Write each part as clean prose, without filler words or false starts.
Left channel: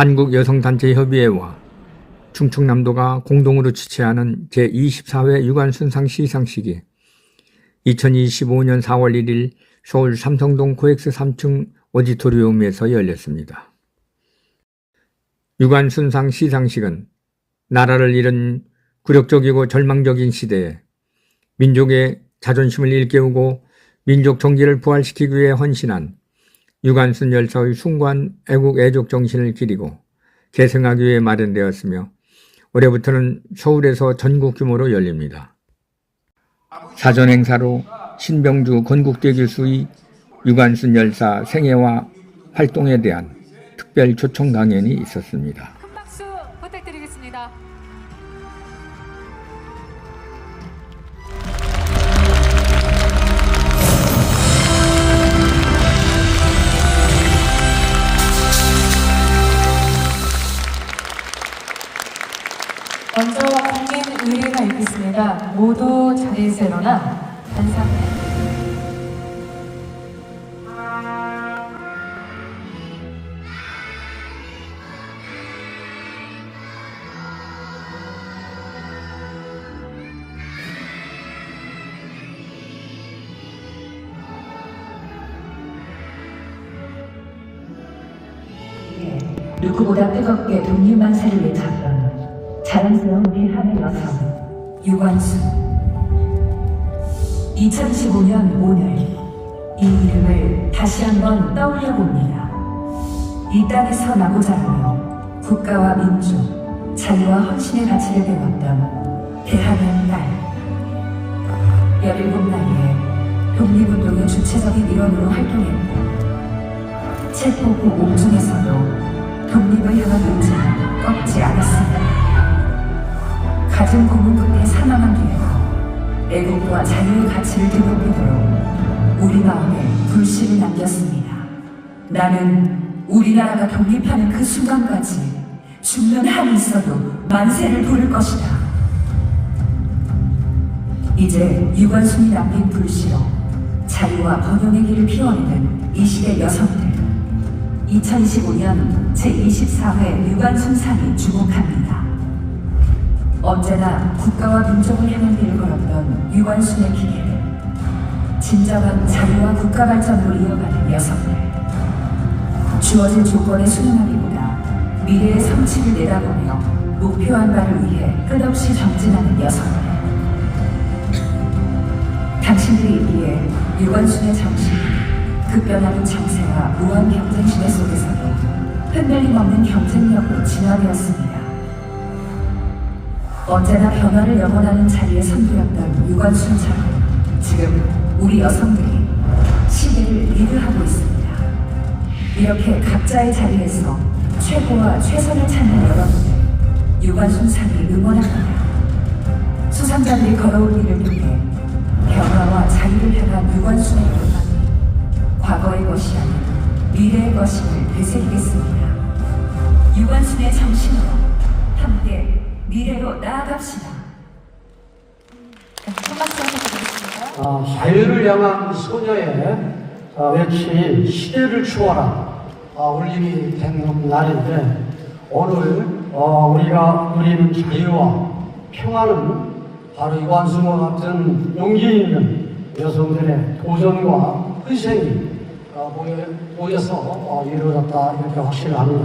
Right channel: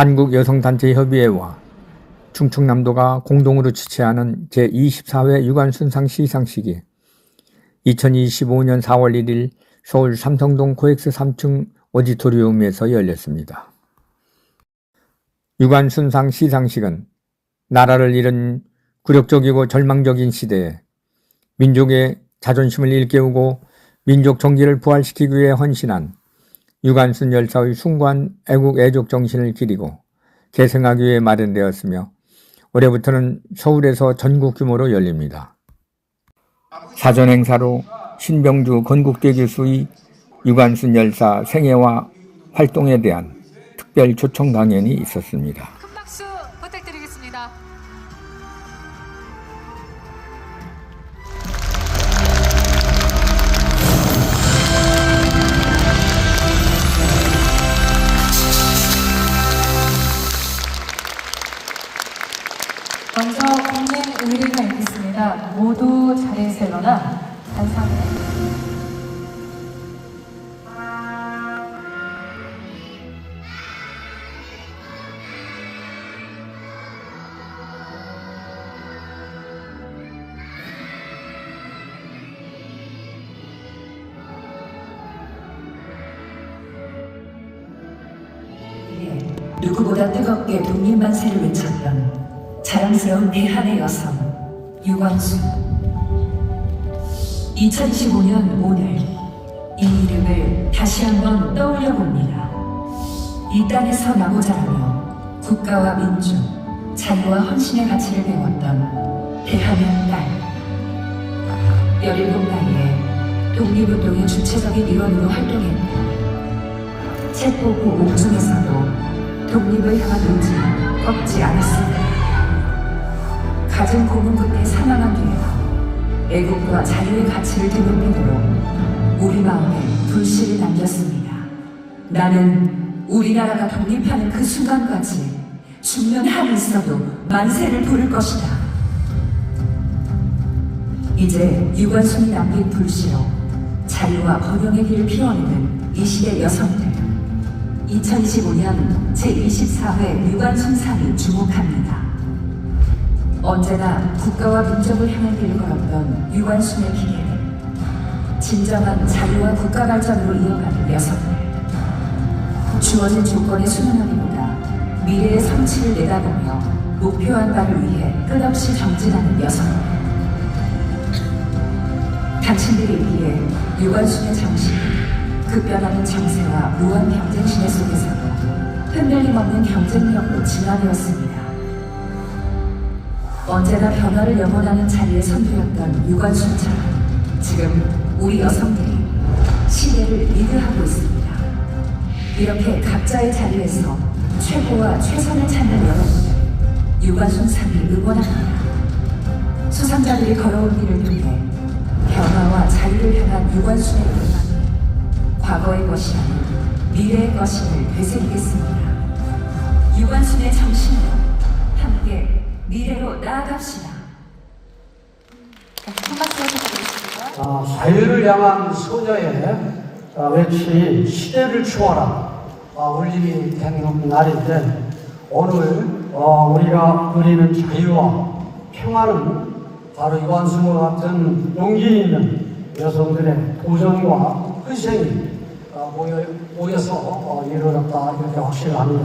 한국여성단체협의회와 충청남도가 공동으로 주최하는 제24회 유관순상 시상식이 2025년 4월 1일 서울 삼성동 코엑스 3층 오디토리움에서 열렸습니다. 유관순상 시상식은 나라를 잃은 굴욕적이고 절망적인 시대에 민족의 자존심을 일깨우고 민족 정기를 부활시키기 위해 헌신한 유관순 열사의 숭고한 애국 애족 정신을 기리고 계승하기 위해 마련되었으며 올해부터는 서울에서 전국 규모로 열립니다. 사전 행사로 신병주 건국대 교수의 유관순 열사 생애와 활동에 대한 특별 초청 강연이 있었습니다. 큰 박수 부탁드리겠습니다. 먼저 국민의례가 있겠습니다. 모두 자리에서 일어나 단상을 누구보다 뜨겁게 독립만세를 외쳤던 자랑스러운 대한의 여성 유관순. 2025년 오늘 이 이름을 다시 한번 떠올려 봅니다. 이 땅에서 나고 자라며 국가와 민족, 자유와 헌신의 가치를 배웠던 대한의 딸. 17 나이에 독립운동의 주체적인 일원으로 활동했고 체포구 옥중에서도 독립을 향한 의지는 꺾지 않았습니다. 가정 고문 끝에 사망한 뒤에도 애국과 자유의 가치를 되돌리도록 우리 마음에 불씨를 남겼습니다. 나는 우리나라가 독립하는 그 순간까지 죽는 한이 있어도 만세를 부를 것이다. 이제 유관순이 남긴 불씨로 자유와 번영의 길을 피워내는 이 시대 여성들. 2025년 제24회 유관순상이 주목합니다. 언제나 국가와 민족을 향한 길을 걸었던 유관순의 기계를 진정한 자유와 국가 발전으로 이어가는 여성들. 주어진 조건에 순응하기보다 미래의 성취를 내다보며 목표한 바를 위해 끝없이 정진하는 여성들. 당신들에 비해 유관순의 정신이 급변하는 정세와 무한 경쟁 시대 속에서도 흔들림 없는 경쟁력으로 진화되었습니다. 언제나 변화를 영원하는 자리에 선두였던 유관순처럼 지금 우리 여성들이 시대를 리드하고 있습니다. 이렇게 각자의 자리에서 최고와 최선을 찾는 여러분들, 유관순상이 응원합니다. 수상자들이 걸어온 길을 통해 변화와 자유를 향한 유관순의 열망, 과거의 것이 아닌 미래의 것임을 되새기겠습니다. 유관순의 정신으로 함께 미래로 나아갑시다. 자유를 향한 소녀의 외침 시대를 추워라 울림이 된 날인데 오늘 우리가 누리는 자유와 평화는 바로 유관순과 같은 용기 있는 여성들의 도전과 희생이 모여서 이루어졌다 이렇게 확신합니다.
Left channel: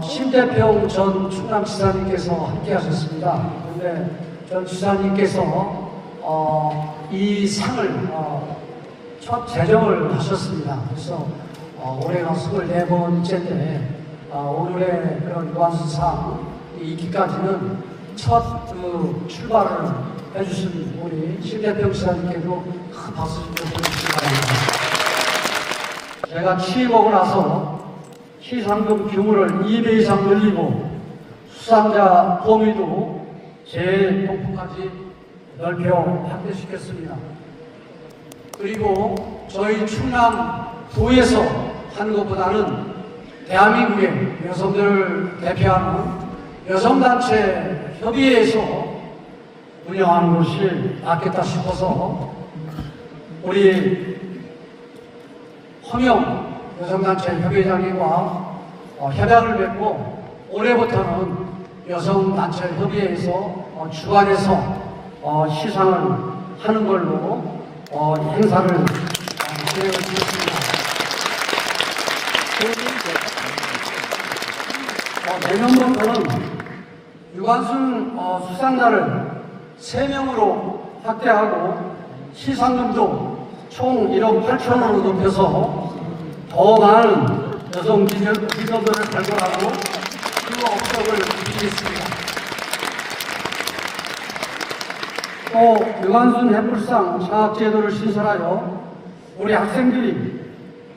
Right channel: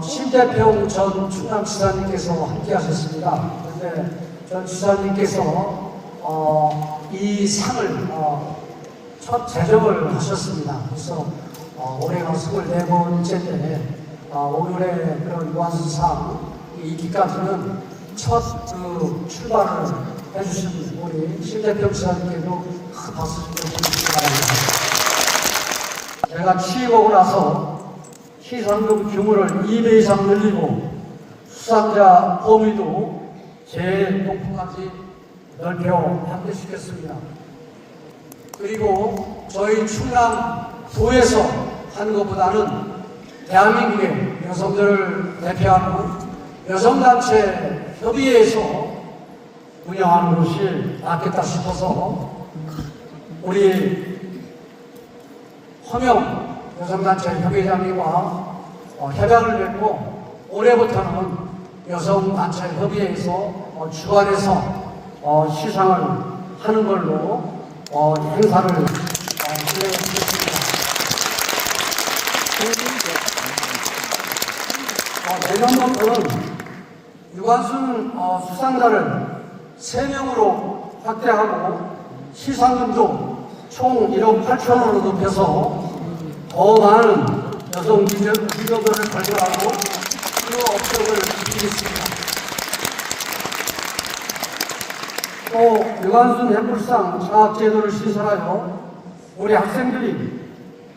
심대평 전 충남지사님께서 함께 하셨습니다. 그런데 전 지사님께서 이 상을 첫 제정을 하셨습니다. 그래서 올해가 24번째인데 오늘의 그런 유관순상 있기까지는 첫 출발을 해주신 우리 심대평 지사님께도 큰 박수 좀 주시기 바랍니다. 제가 취임하고 나서 시상금 규모를 2배 이상 늘리고 수상자 범위도 제일 높이까지 넓혀 확대시켰습니다. 그리고 저희 충남도에서 하는 것보다는 대한민국의 여성들을 대표하는 여성단체 협의회에서 운영하는 것이 낫겠다 싶어서 우리 허명 여성단체 협의장님과 협약을 맺고 올해부터는 여성단체협의회에서 주관해서 시상을 하는 걸로 행사를 진행했습니다. 내년부터는 유관순 수상자를 3명으로 확대하고 시상금도 총 1억 8천원으로 높여서 더 많은 여성 기업들을 발굴하고 그 업적을 드리겠습니다. 또 유관순 햇불상 장학제도를 신설하여 우리 학생들이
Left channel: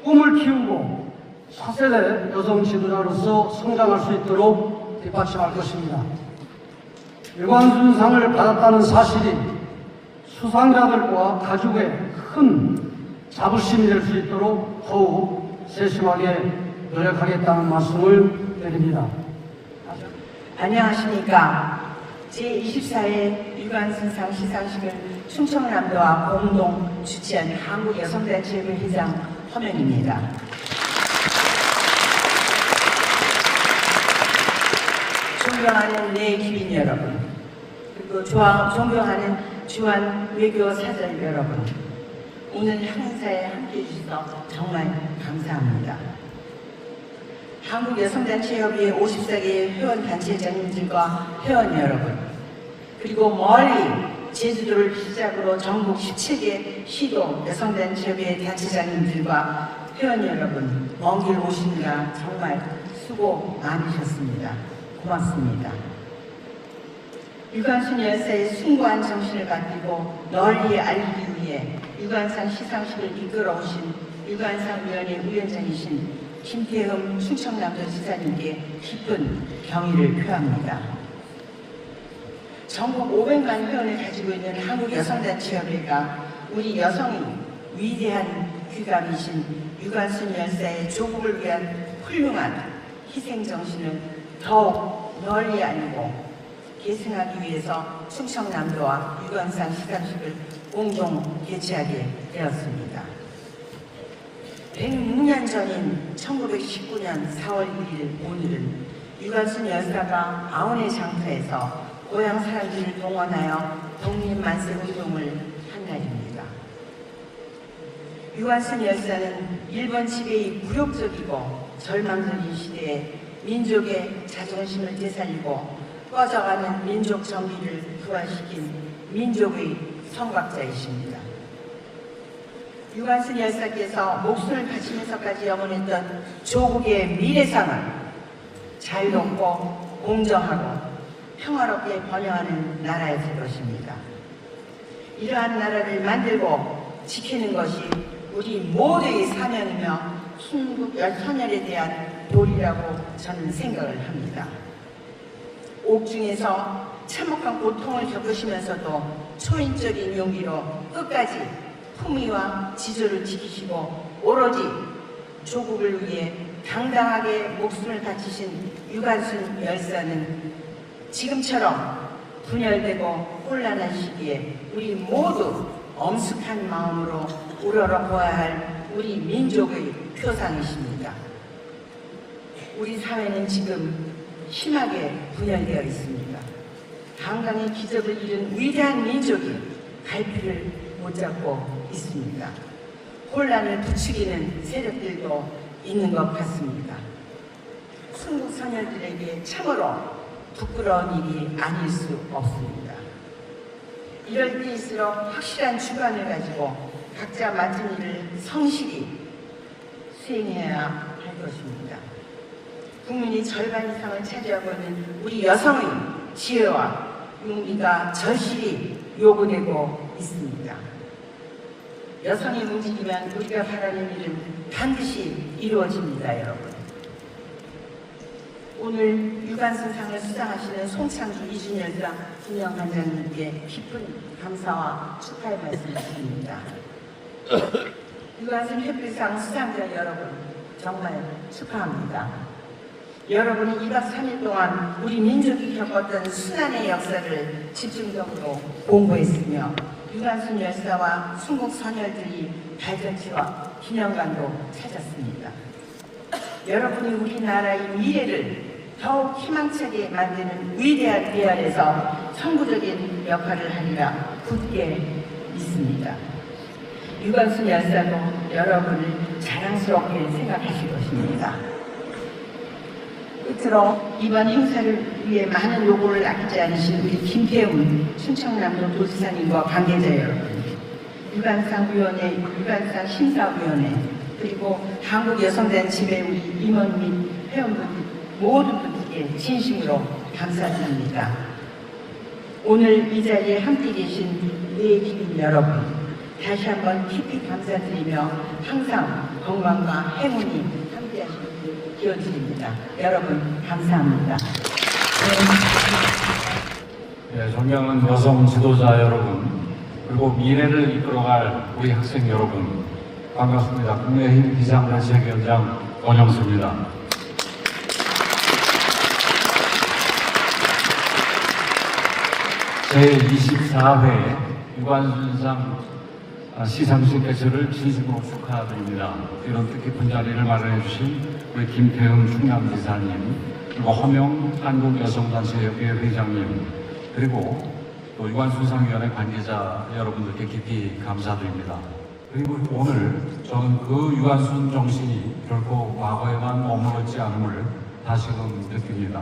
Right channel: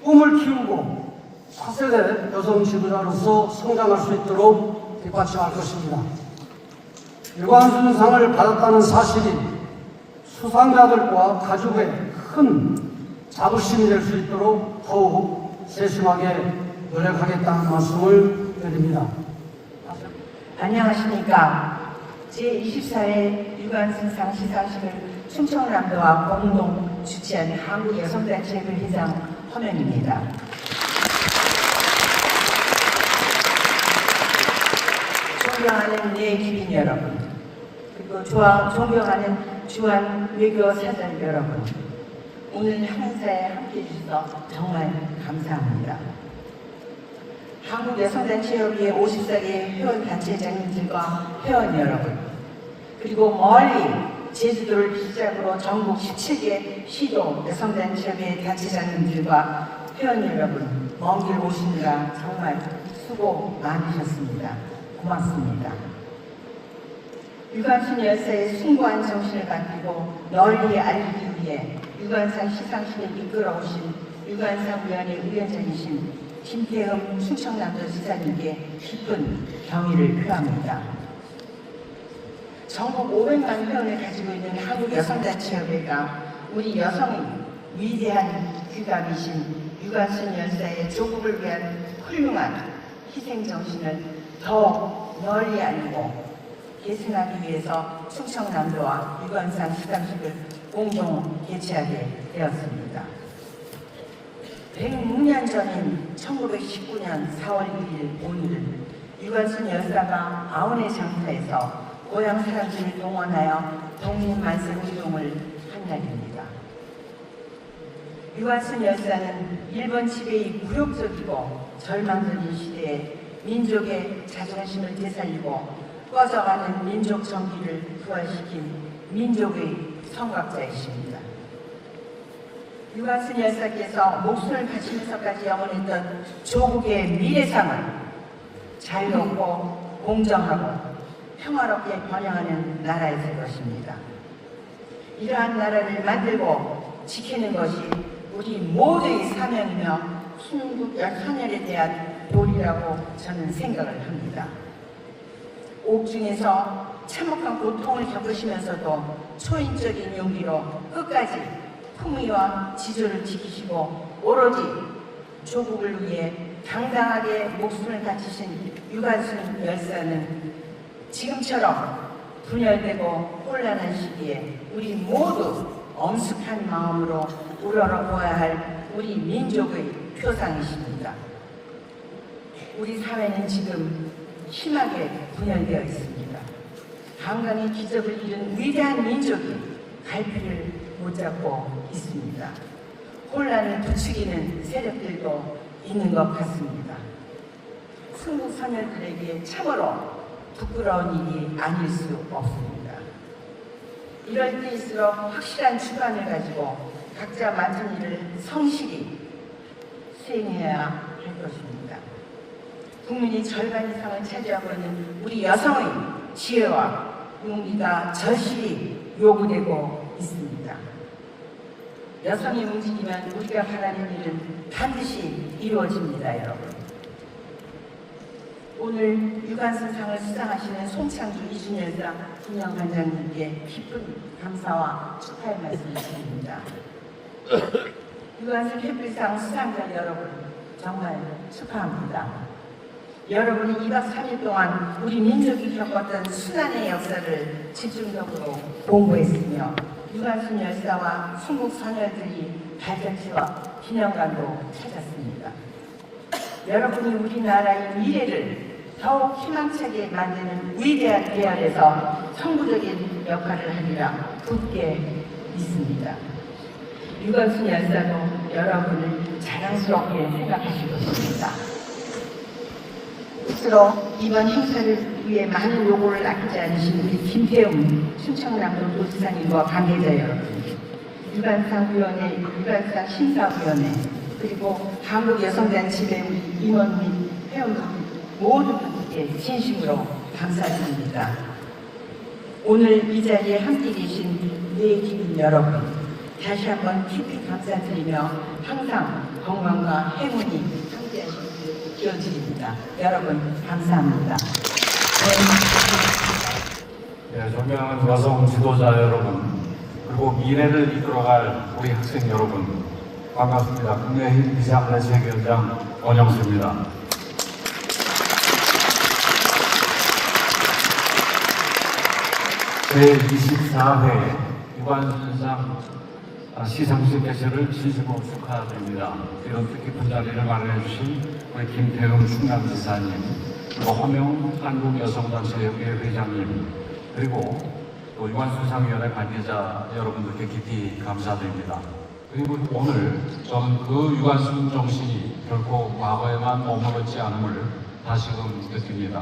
꿈을 키우고 차세대 여성 지도자로서 성장할 수 있도록 뒷받침할 것입니다. 유관순상을 받았다는 사실이 수상자들과 가족의 큰 자부심이 될 수 있도록 더욱 세심하게 노력하겠다는 말씀을 드립니다. 안녕하십니까. 제24회 유관순상 시상식을 충청남도와 공동 주최한 한국여성단체협의 회장 허명입니다. 존경하는 내 기빈 여러분, 그리고 존경하는 주한 외교사절 여러분, 오늘 행사에 함께해 주셔서 정말 감사합니다. 한국여성단체협의회 54개 회원단체장님들과 회원 여러분, 그리고 멀리 제주도를 시작으로 전국 17개 시도 여성단체협의회 단체장님들과 회원 여러분, 먼 길 오시느라 정말 수고 많으셨습니다. 고맙습니다. 유관순 열사의 숭고한 정신을 가지고 널리 알리기 위해 유관상 시상식을 이끌어 오신 유관상 위원회 위원장이신 김태흠 충청남도 지사님께 깊은 경의를 표합니다. 전국 500만 회원을 가지고 있는 한국여성단체협회가 우리 여성의 위대한 귀감이신 유관순 열사의 조국을 위한 훌륭한 희생정신을 더욱 널리 알리고 계승하기 위해서 충청남도와 유관상 시상식을 공동 개최하게 되었습니다. 106년 전인 1919년 4월 1일 오늘은 유관순 열사가 아원의 장터에서 고향 사람들을 동원하여 독립만세운동을 한 날입니다. 유관순 열사는 일본 지배의 굴욕적이고 절망적인 시대에 민족의 자존심을 되살리고 꺼져가는 민족 정기를 부활시킨 민족의 선각자이십니다. 유관순 열사께서 목숨을 바치면서까지 영원했던 조국의 미래상을 자유롭고 공정하고 평화롭게 번영하는 나라였을 것입니다. 이러한 나라를 만들고 지키는 것이 우리 모두의 사명이며 순국 열선열에 대한 도리라고 저는 생각을 합니다. 옥중에서 참혹한 고통을 겪으시면서도 초인적인 용기로 끝까지 품위와 지조를 지키시고 오로지 조국을 위해 당당하게 목숨을 바치신 유관순 열사는 지금처럼 분열되고 혼란한 시기에 우리 모두 엄숙한 마음으로 우러러보아야 할 우리 민족의 표상이십니다. 우리 사회는 지금 심하게 분열되어 있습니다. 강강의 기적을 이룬 위대한 민족이 갈피를 못 잡고 있습니다. 혼란을 부추기는 세력들도 있는 것 같습니다. 승부소녀들에게 참으로 부끄러운 일이 아닐 수 없습니다. 이럴 때일수록 확실한 주관을 가지고 각자 맡은 일을 성실히 수행해야 할 것입니다. 국민의 절반 이상을 차지하고 있는 우리 여성의 지혜와 용기가 절실히 요구되고 있습니다. 여성이 움직이면 우리가 바라는 일은 반드시 이루어집니다, 여러분. 오늘 유관순상을 수상하시는 송창주 이준열상 분양관장님께 깊은 감사와 축하의 말씀을 드립니다. 유관순 햇불상 수상자 여러분, 정말 축하합니다. 여러분이 2박 3일 동안 우리 민족이 겪었던 순환의 역사를 집중적으로 공부했으며 유관순 열사와 순국 소녀들이 발전체와 기념관도 찾았습니다. 여러분이 우리나라의 미래를 더욱 희망차게 만드는 위대한 대안에서 선구적인 역할을 하리라 굳게 믿습니다. 유관순 열사는 여러분을 자랑스럽게 생각하실 것입니다. 끝으로 이번 행사를 위해 많은 노고를 아끼지 않으신 우리 김태훈 순천남도 도지사님과 관계자 여러분, 유관상위원회, 유관상 심사위원회, 그리고 한국여성단체회 임원 및 회원분 모든 분들께 진심으로 감사드립니다. 오늘 이 자리에 함께 계신 우리 주민 여러분, 다시 한번 깊이 감사드리며 항상 건강과 행운이 함께하시길 기원드립니다. 여러분 감사합니다. 네, 존경하는 여성 지도자 여러분, 그리고 미래를 이끌어갈 우리 학생 여러분, 반갑습니다. 국내힘 비상대책위원장 원영수입니다. 제24회 유관순상 시상식 개최를 진심으로 축하드립니다. 이런 뜻깊은 자리를 마련해 주신 우리 김태훈 충남지사님, 그리고 허명 한국여성단체협회 회장님, 그리고 또 유관순상위원회 관계자 여러분들께 깊이 감사드립니다. 그리고 오늘 저는 그 유관순 정신이 결코 과거에만 머무르지 않음을 다시금 느낍니다.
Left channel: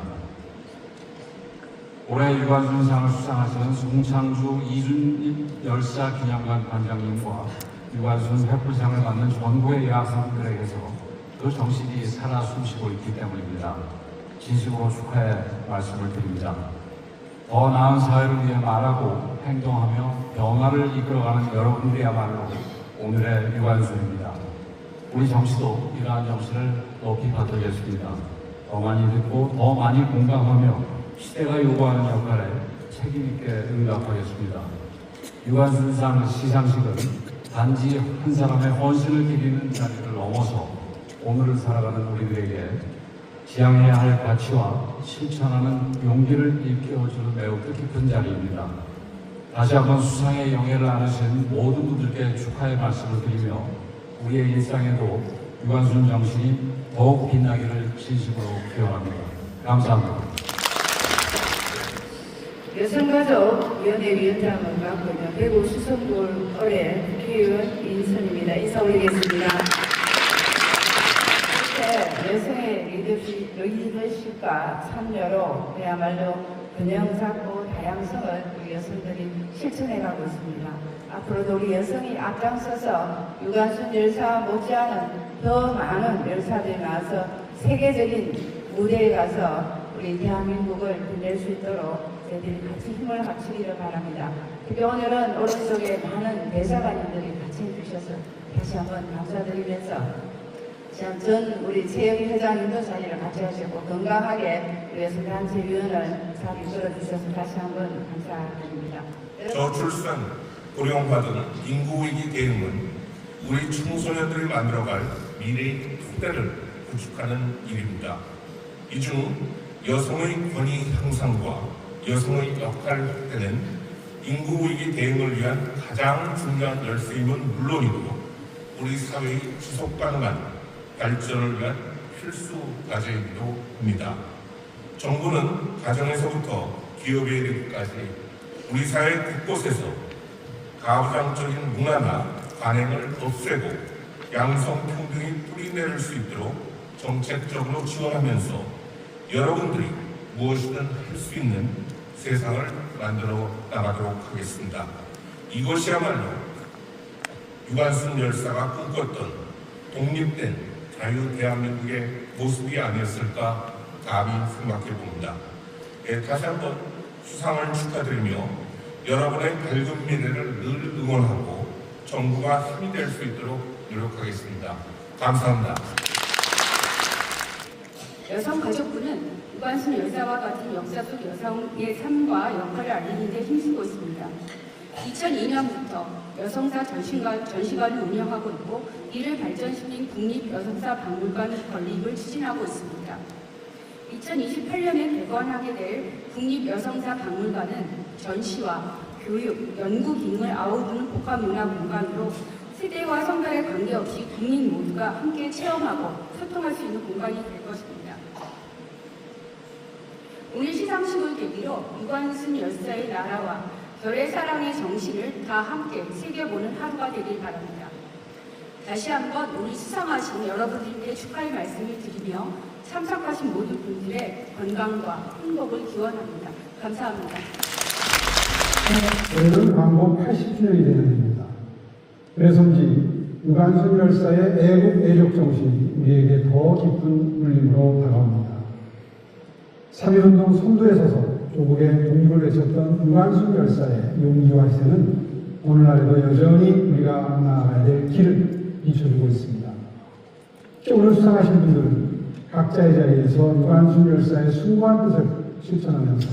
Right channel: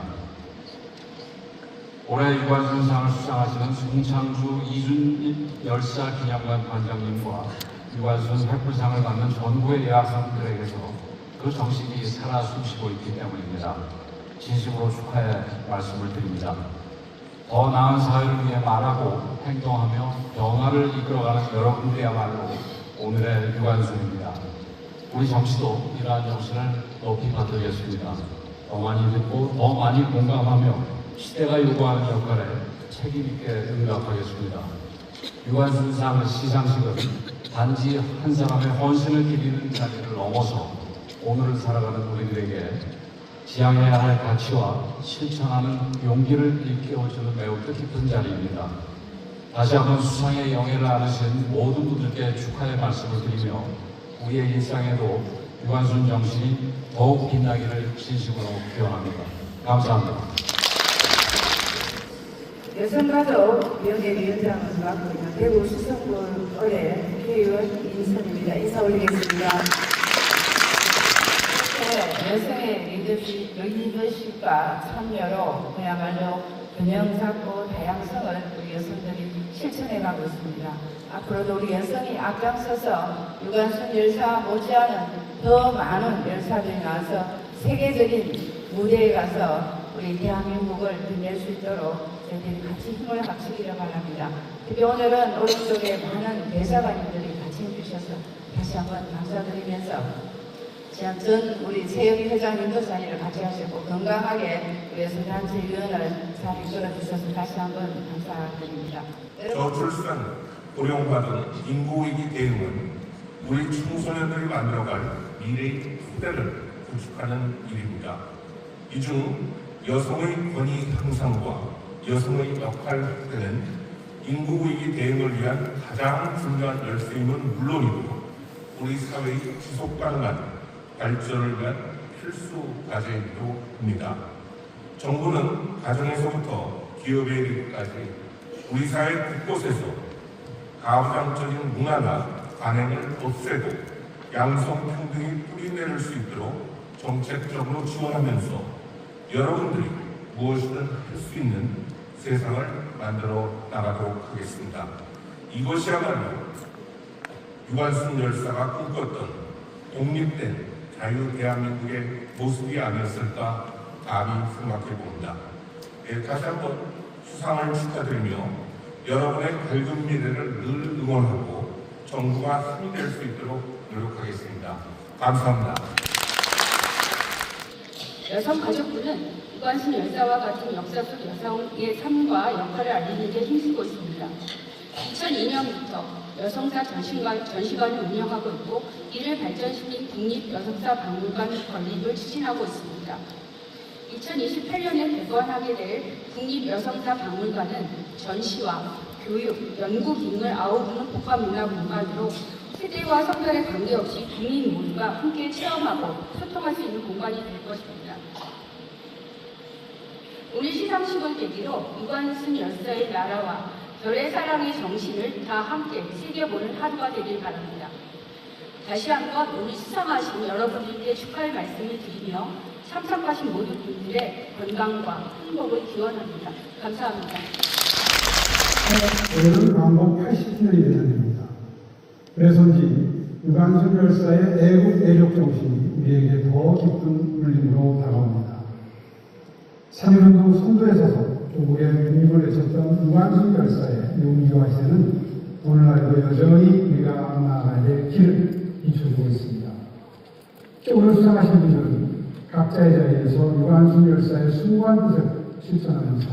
올해 유관순상을 수상하시는 송창주 이준립 열사 기념관 관장님과 유관순 회풀상을 받는 전국의 여학생들에게서 그 정식이 살아 숨쉬고 있기 때문입니다. 진심으로 축하의 말씀을 드립니다. 더 나은 사회를 위해 말하고 행동하며 변화를 이끌어가는 여러분들이야말로 오늘의 유관순입니다. 우리 정치도 이러한 정신을 높이 받들겠습니다. 더 많이 듣고 더 많이 공감하며 시대가 요구하는 역할에 책임있게 응답하겠습니다. 유관순상 시상식은 단지 한 사람의 헌신을 기리는 자리를 넘어서 오늘을 살아가는 우리들에게 지향해야 할 가치와 실천하는 용기를 일깨워주는 매우 뜻깊은 자리입니다. 다시 한번 수상의 영예를 안으신 모든 분들께 축하의 말씀을 드리며 우리의 일상에도 유관순 정신이 더욱 빛나기를 진심으로 기원합니다. 감사합니다. 여성가족위원회 위원장을 맡고 있는 대구 수성구 의뢰 국회의원 이인선입니다. 인사 올리겠습니다. 여성의 리더십과 참여로 그야말로 균형 잡고 다양성을 우리 여성들이 실천해가고 있습니다. 앞으로도 우리 여성이 앞장서서 유관순 열사 못지않은 더 많은 열사들이 나와서 세계적인 무대에 가서 우리 대한민국을 빛낼 수 있도록 저희들이 같이 힘을 합치기를 바랍니다. 특히 오늘은 오른쪽에 많은 대사관님들이 같이 해주셔서 다시 한번 감사드리면서 전 우리 최영희 회장님도 자리를 같이 하시고 건강하게 위해서 단체위원을 잘 이끌어주셔서 다시 한번 감사드립니다. 저출산, 고령화등 인구위기 대응은 우리 청소년들이 만들어갈 미래의 토대를 구축하는 일입니다. 이 중 여성의 권위 향상과 여성의 역할 확대는 인구위기 대응을 위한 가장 중요한 열쇠임은 물론이고 우리 사회의 지속 가능한 발전을 위한 필수 과제이기도 합니다. 정부는 가정에서부터 기업에 이르기까지 우리 사회 곳곳에서 가부장적인 문화나 관행을 없애고 양성평등이 뿌리내릴 수 있도록 정책적으로 지원하면서 여러분들이 무엇이든 할 수 있는 세상을 만들어 나가도록 하겠습니다. 이것이야말로 유관순 열사가 꿈꿨던 독립된 자유 대한민국의 모습이 아니었을까 감히 생각해 봅니다. 다시 한번 수상을 축하드리며 여러분의 밝은 미래를 늘 응원하고 정부가 힘이 될 수 있도록 노력하겠습니다. 감사합니다. 여성가족부는 유관순 열사와 같은 역사 속 여성의 삶과 역할을 알리는 데 힘쓰고 있습니다. 2002년부터 여성사 전시관을 운영하고 있고 이를 발전시킨 국립여성사 박물관 건립을 추진하고 있습니다. 2028년에 개관하게 될 국립여성사 박물관은 전시와 교육, 연구 기능을 아우르는 복합문화공간으로 시대와 성별에 관계없이 국민 모두가 함께 체험하고 소통할 수 있는 공간이 될 것입니다. 오늘 시상식을 계기로 유관순 열사의 나라와 별의 사랑의 정신을 다 함께 새겨보는 하루가 되길 바랍니다. 다시 한번 오늘 수상하신 여러분들께 축하의 말씀을 드리며 참석하신 모든 분들의 건강과 행복을 기원합니다. 감사합니다. 오늘은 광복 80주년이 되는 그래서인지 유관순 열사의 애국 애족 정신이 우리에게 더 깊은 울림으로 다가옵니다. 3.1운동 선두에 서서 조국의 독립을 외쳤던 유관순 열사의 용기와 희생은 오늘날에도 여전히 우리가 나아가야 될 길을 비춰주고 있습니다. 오늘 수상하신 분들은 각자의 자리에서 유관순 열사의 숭고한 뜻을 실천하면서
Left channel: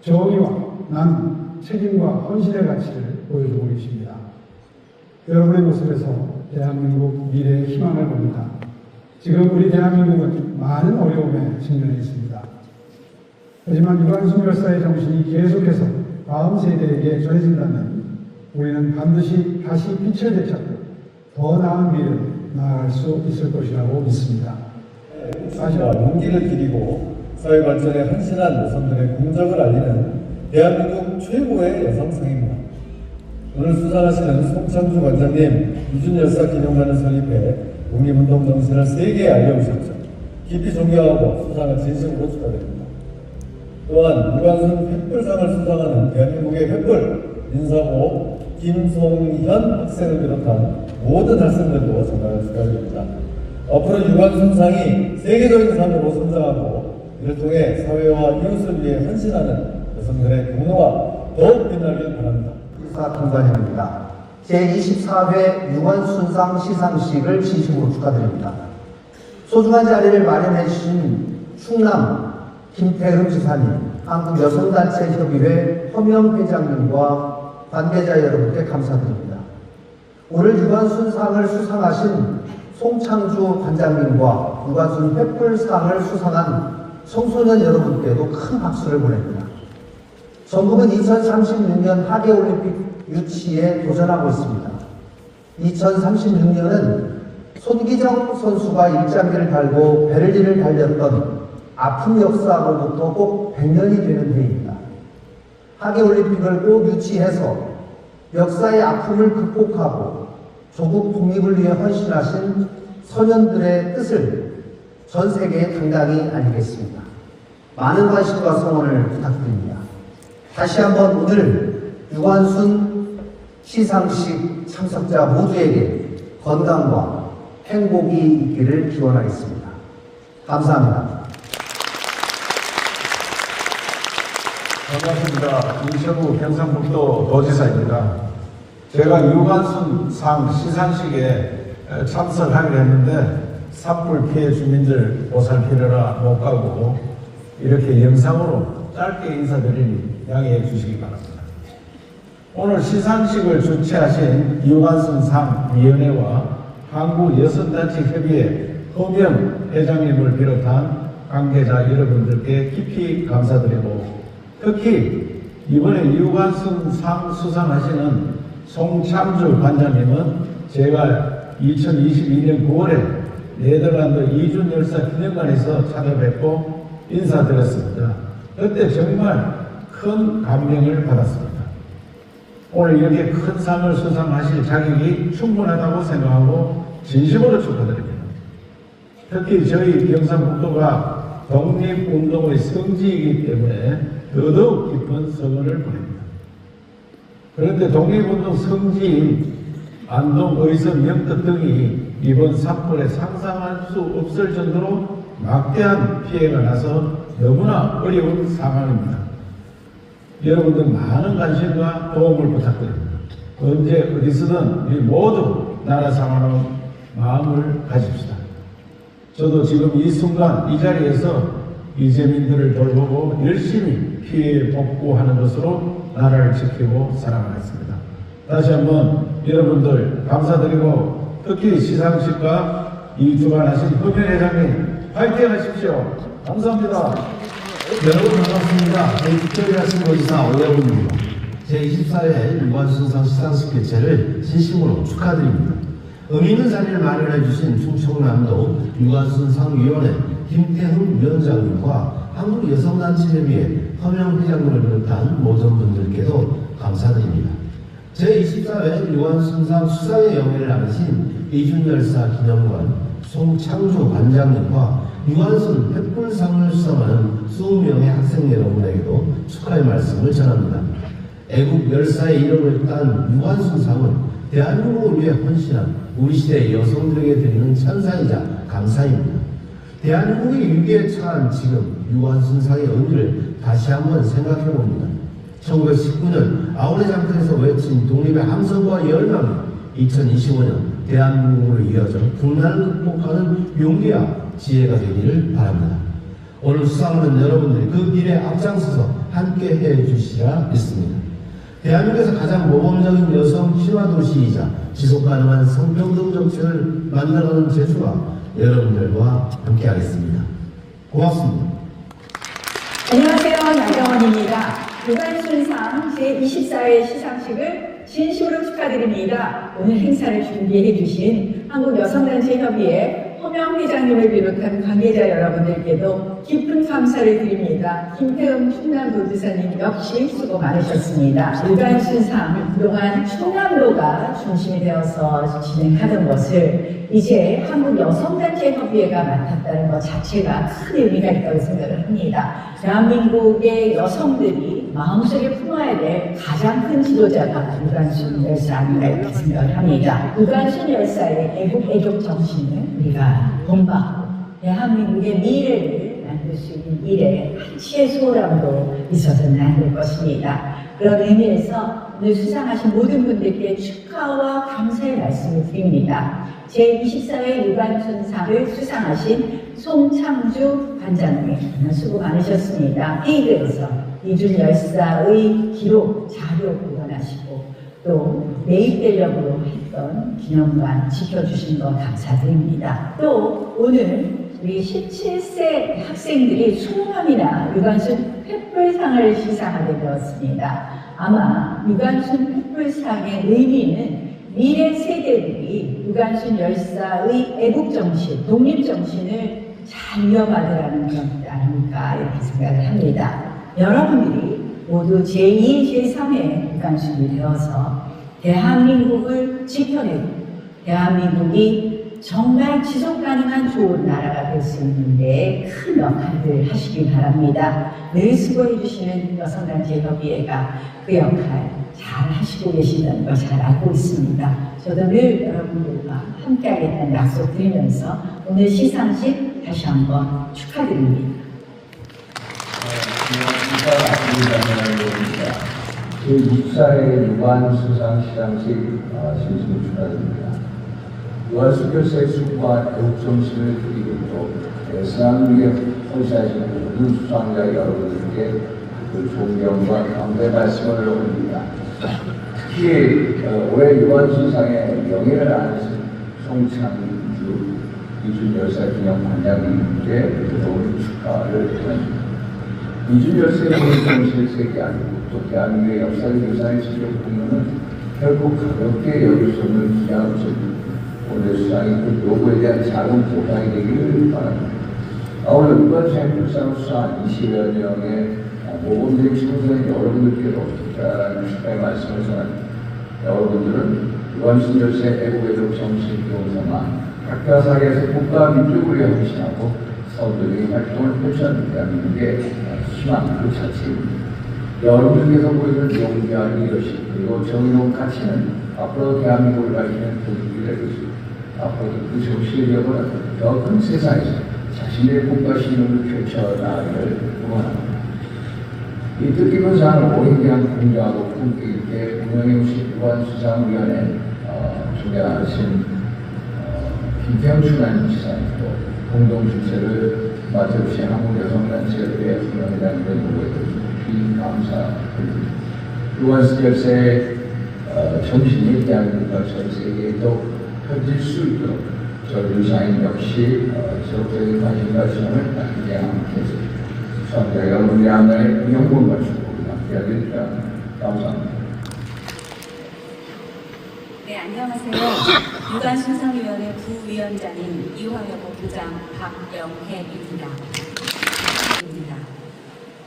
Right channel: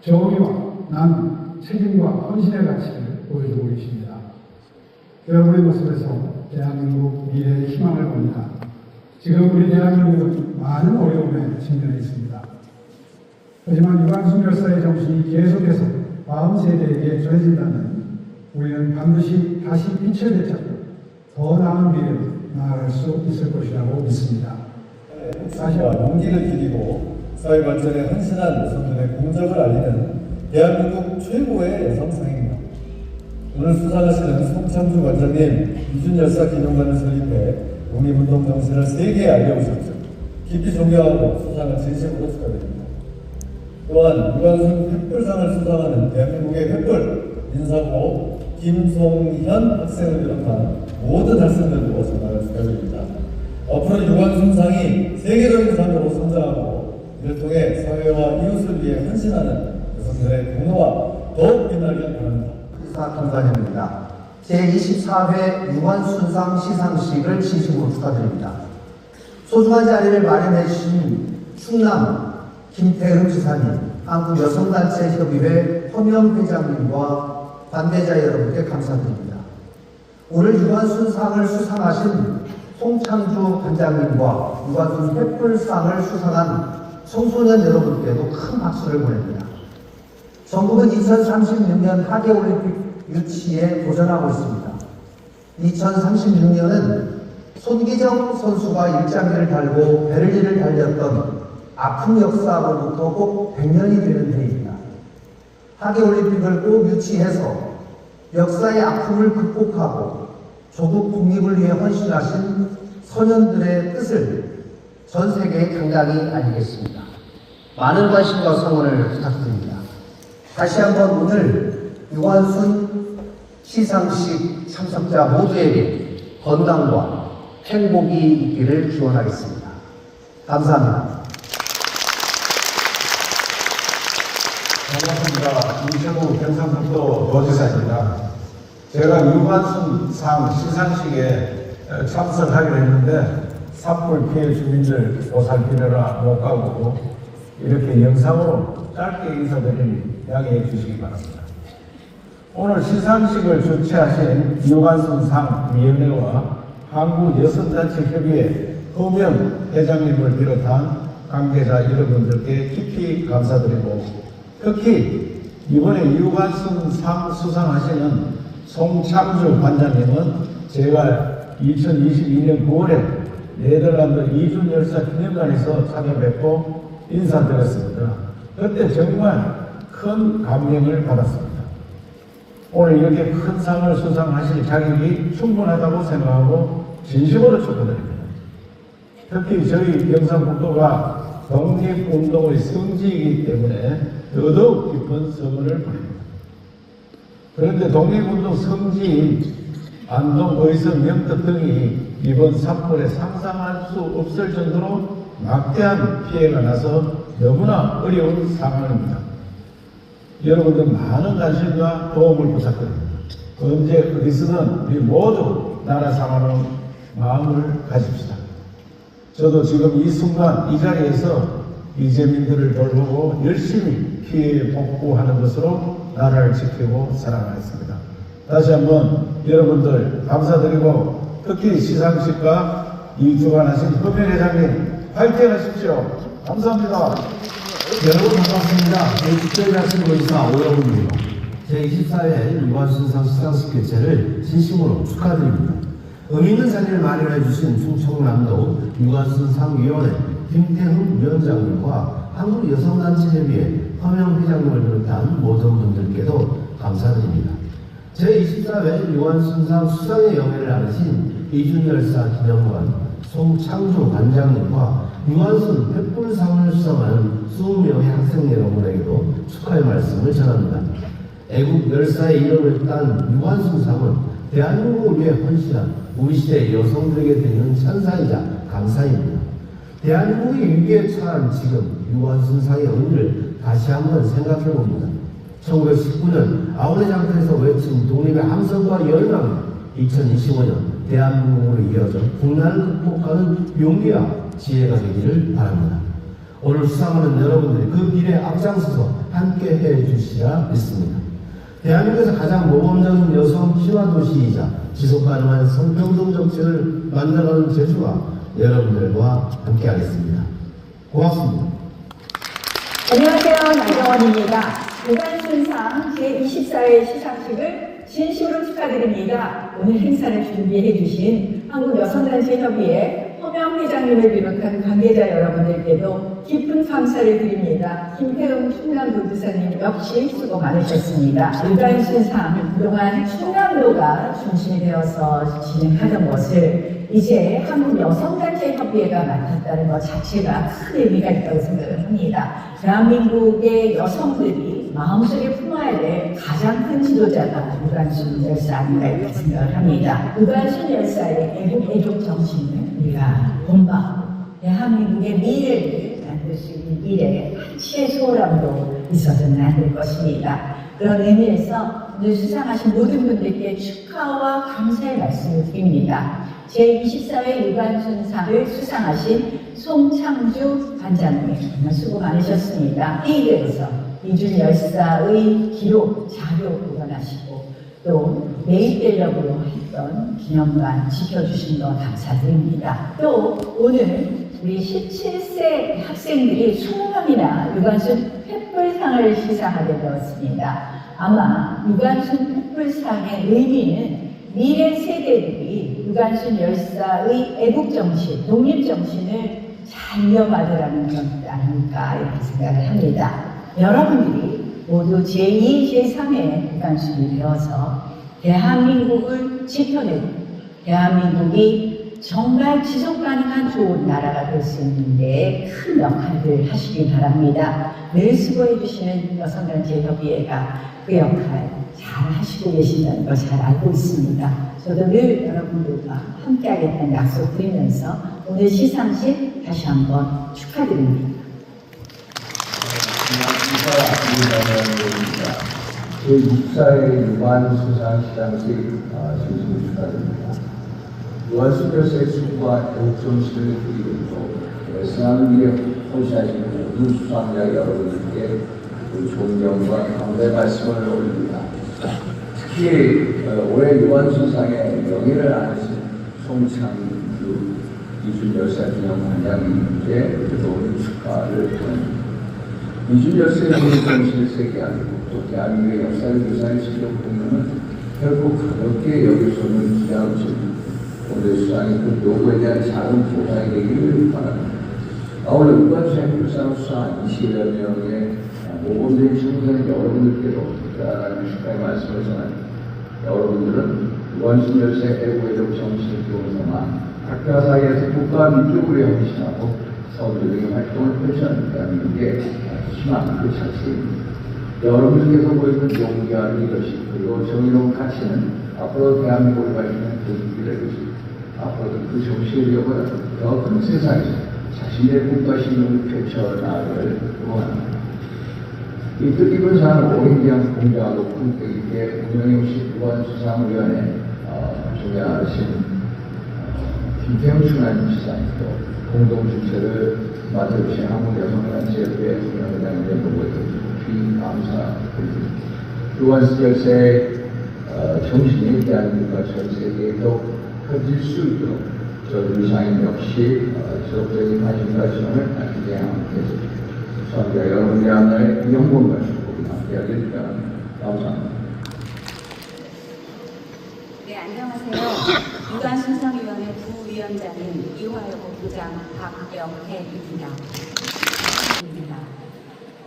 정의와 남, 책임과 헌신의 가치를 보여주고 계십니다. 여러분의 모습에서 대한민국 미래의 희망을 봅니다. 지금 우리 대한민국은 많은 어려움에 직면해 있습니다. 하지만 유관순 열사의 정신이 계속해서 다음 세대에게 전해진다면 우리는 반드시 다시 빛을 되찾고 더 나은 미래로 나아갈 수 있을 것이라고 믿습니다. 사실과 용기를 기리고 사회 발전에 헌신한 여성들의 공적을 알리는 대한민국 최고의 여성상입니다. 오늘 수상하시는 송창주 관장님, 이준 열사 기념관을 설립해 독립운동 정신을 세계에 알려주셨죠. 깊이 존경하고 수상을 진심으로 축하드립니다. 또한 유관순 횃불상을 수상하는 대한민국의 횃불 인사고 김송현 학생을 비롯한 모든 학생들도 전화를 축하드립니다. 앞으로 유관순상이 세계적인 상으로 성장하고 이를 통해 사회와 이웃을 위해 헌신하는 여성들의 공로가 더욱 빛나길 바랍니다. 김관장입니다. 제24회 유관순상 시상식을 진심으로 축하드립니다. 소중한 자리를 마련해 주신 충남 김태흠 지사님, 한국여성단체협의회 허명 회장님과 관계자 여러분께 감사드립니다. 오늘 유관순상을 수상하신 송창주 관장님과 유관순 횃불상을 수상한 청소년 여러분께도 큰 박수를 보냅니다. 전국은 2036년 하계올림픽 유치에 도전하고 있습니다. 2036년은 손기정 선수가 일장기를 달고 베를린을 달렸던 아픈 역사로부터 꼭 100년이 되는 해입니다. 하계올림픽을 꼭 유치해서 역사의 아픔을 극복하고 조국 독립을 위해 헌신하신 선현들의 뜻을 전 세계에 당당히 알리겠습니다. 많은 관심과 성원을 부탁드립니다. 다시 한번 오늘 유관순 시상식 참석자 모두에게 건강과 행복이 있기를 기원하겠습니다. 감사합니다. 반갑습니다. 이철구 경상북도 도지사입니다. 제가 유관순상 시상식에 참석하기로 했는데 산불 피해 주민들 보살피느라 못 가고 이렇게 영상으로 짧게 인사드리니 양해해 주시기 바랍니다. 오늘 시상식을 주최하신 유관순상 위원회와 한국여성단체협의회 허명 회장님을 비롯한 관계자 여러분들께 깊이 감사드리고 특히 이번에 유관순상 수상하시는 송창주 관장님은 제가 2022년 9월에 네덜란드 이준 열사 기념관에서 찾아뵙고 인사드렸습니다. 그때 정말 큰 감명을 받았습니다. 오늘 이렇게 큰 상을 수상하실 자격이 충분하다고 생각하고 진심으로 축하드립니다. 특히 저희 경상북도가 독립운동의 성지이기 때문에 더더욱 깊은 서운을 보냅니다. 그런데 독립운동 성지인 안동, 의성, 영덕 등이 이번 산불에 상상할 수 없을 정도로 막대한 피해가 나서 너무나 어려운 상황입니다. 여러분들 많은 관심과 도움을 부탁드립니다. 언제 어디서든 우리 모두 나라 사랑하는 마음을 가집시다. 저도 지금 이 순간 이 자리에서 이재민들을 돌보고 열심히 피해 복구하는 것으로 나라를 지키고 살아가겠습니다. 다시 한번 여러분들 감사드리고 특히 시상식과 이 주관하신 허명 회장님 화이팅 하십시오. 감사합니다. 여러분 반갑습니다. 저희 특별자치모의사 오여분입니다. 제24회 유관순상 수상식 개최를 진심으로 축하드립니다. 의미 있는 자리를 마련해 주신 충청남도 유관순상위원회 김태훈 위원장님과 한국여성단체협의회 허명 회장님을 비롯한 모든 분들께도 감사드립니다. 제24회 유관순상 수상의 영예를 나누신 이준열사 기념관 송창주 관장님과 유관순 횃불상을 수상하는 20명의 학생 여러분에게도 축하의 말씀을 전합니다. 애국 열사의 이름을 딴 유관순상은 대한민국을 위해 헌신한 우리 시대 여성들에게 드리는 찬사이자 감사입니다. 대한민국의 위기에 처한 지금 유관순상의 의미를 다시 한번 생각해 봅니다. 1919년 아우레 장터에서 외친 독립의 함성과 열망이 2025년 대한민국으로 이어져 국난을 극복하는 용기와 지혜가 되기를 바랍니다. 오늘 수상하는 여러분들이 그 길에 앞장서서 함께 해주시라 믿습니다. 대한민국에서 가장 모범적인 여성 친화도시이자 지속가능한 성평등 정책을 만들어가는 제주가 여러분들과 함께하겠습니다. 고맙습니다. 안녕하세요. 나경원입니다. 유관순상 제24회 시상식을 진심으로 축하드립니다. 오늘 행사를 준비해 주신 한국여성단체협의회 허명 회장님을 비롯한 관계자 여러분들께도 깊은 감사를 드립니다. 김태흠 충남도지사님 역시 수고 많으셨습니다. 유관순상 그동안 충남도가 중심이 되어서 진행하던 것을 이제 한국여성단체협의회가 맡았다는 것 자체가 큰 의미가 있다고 생각을 합니다. 대한민국의 여성들이 마음속에 품어야 될 가장 큰 지도자가 유관순 열사 아닌가 이렇게 생각을 합니다. 유관순 열사의 애국 정신을 우리가 본받고 대한민국의 미래를 만들 수 있는 일에 한치의 소홀함도 있어서는 안 될 것입니다. 그런 의미에서 오늘 수상하신 모든 분들께 축하와 감사의 말씀을 드립니다. 제24회 유관순상을 수상하신 송창주 관장님 정말 수고 많으셨습니다. 회의에서 이준 열사의 기록, 자료 보관하시고 또 매입되려고 했던 기념관 지켜주신 것 감사드립니다. 또 오늘 우리 17세 학생들이 20명이나 유관순 횃불상을 시상하게 되었습니다. 아마 유관순 횃불상의 의미는 미래 세대들이 유관순 열사의 애국정신, 독립정신을 잘 이어받으라는 것 아닐까 이렇게 생각을 합니다. 여러분들이 모두 제2, 제3의 유관순이 되어서 대한민국을 지켜내고 대한민국이 정말 지속가능한 좋은 나라가 될 수 있는데 큰 역할을 하시기 바랍니다. 늘 수고해 주시는 여성단체협의회가 그 역할 잘 하시고 계신다는 걸 잘 알고 있습니다. 저도 늘 여러분들과 함께하겠다는 약속 드리면서 오늘 시상식 다시 한번 축하드립니다. 제24회 유관순상 시상식 진심으로 축하드립니다. 유관순 열사의 수고와 애국정신을 그리고 있고 대한민국에 헌신하시는 모든 수상자 여러분들께 존경과 감사의 말씀을 드립니다. 특히 올해 유관순상의 영예를 안으신 송창주 이준 열사 기념관장님께 좋은 축하를 드립니다. 이준 열사의 정신을 세계하고 또 대한민국의 역사를 유산의 지적 공부는 결국 가볍게 여길 수 없는 귀한 점 오늘 수상이 그 노고에 대한 작은 보상이 되기를 바랍니다. 오늘 유관순 횃불상을 수상한 20여 명의 모범된 청소년 여러분들께도 특별한 축하의 말씀을 전합니다. 여러분들은 유관순 열사의 애국 정신을 기억삼아 각자 사회에서 국가 민족을 위해 헌신하고 서울적인 활동을 펼쳐는 대한민국의 희망 그 자체입니다. 여러분들께서 보여준 용기와 리더십 그리고 정의로운 가치는 앞으로 대한민국을 가리키는 도움이 될 것입니다. 앞으로도 그 정신력을 더 큰 세상에서 자신의 국가 신용을 펼쳐나가기를 응원합니다. 이 뜻깊은 상을 오랜기간 공정하고 품격 있게 운영해오신 유관순상위원회 주관하신 김태흠 충남지사님과 공동주최를 맡아주신 한국여성단체협의회 중앙회장님의 노력에 깊이 감사드립니다. 유관순 열사의 정신이 대한민국과 전 세계에 더 펴질 수 있도록 저 유사인 역시 적극적인 관심과 지원을 아끼지 않겠습니다. 수상자 여러분의 안에 영광을 주고 함께하기를 바랍니다. 감사합니다. 안녕하세요. 유관순상위원회 부위원장인 이화여고 부장 박영혜입니다.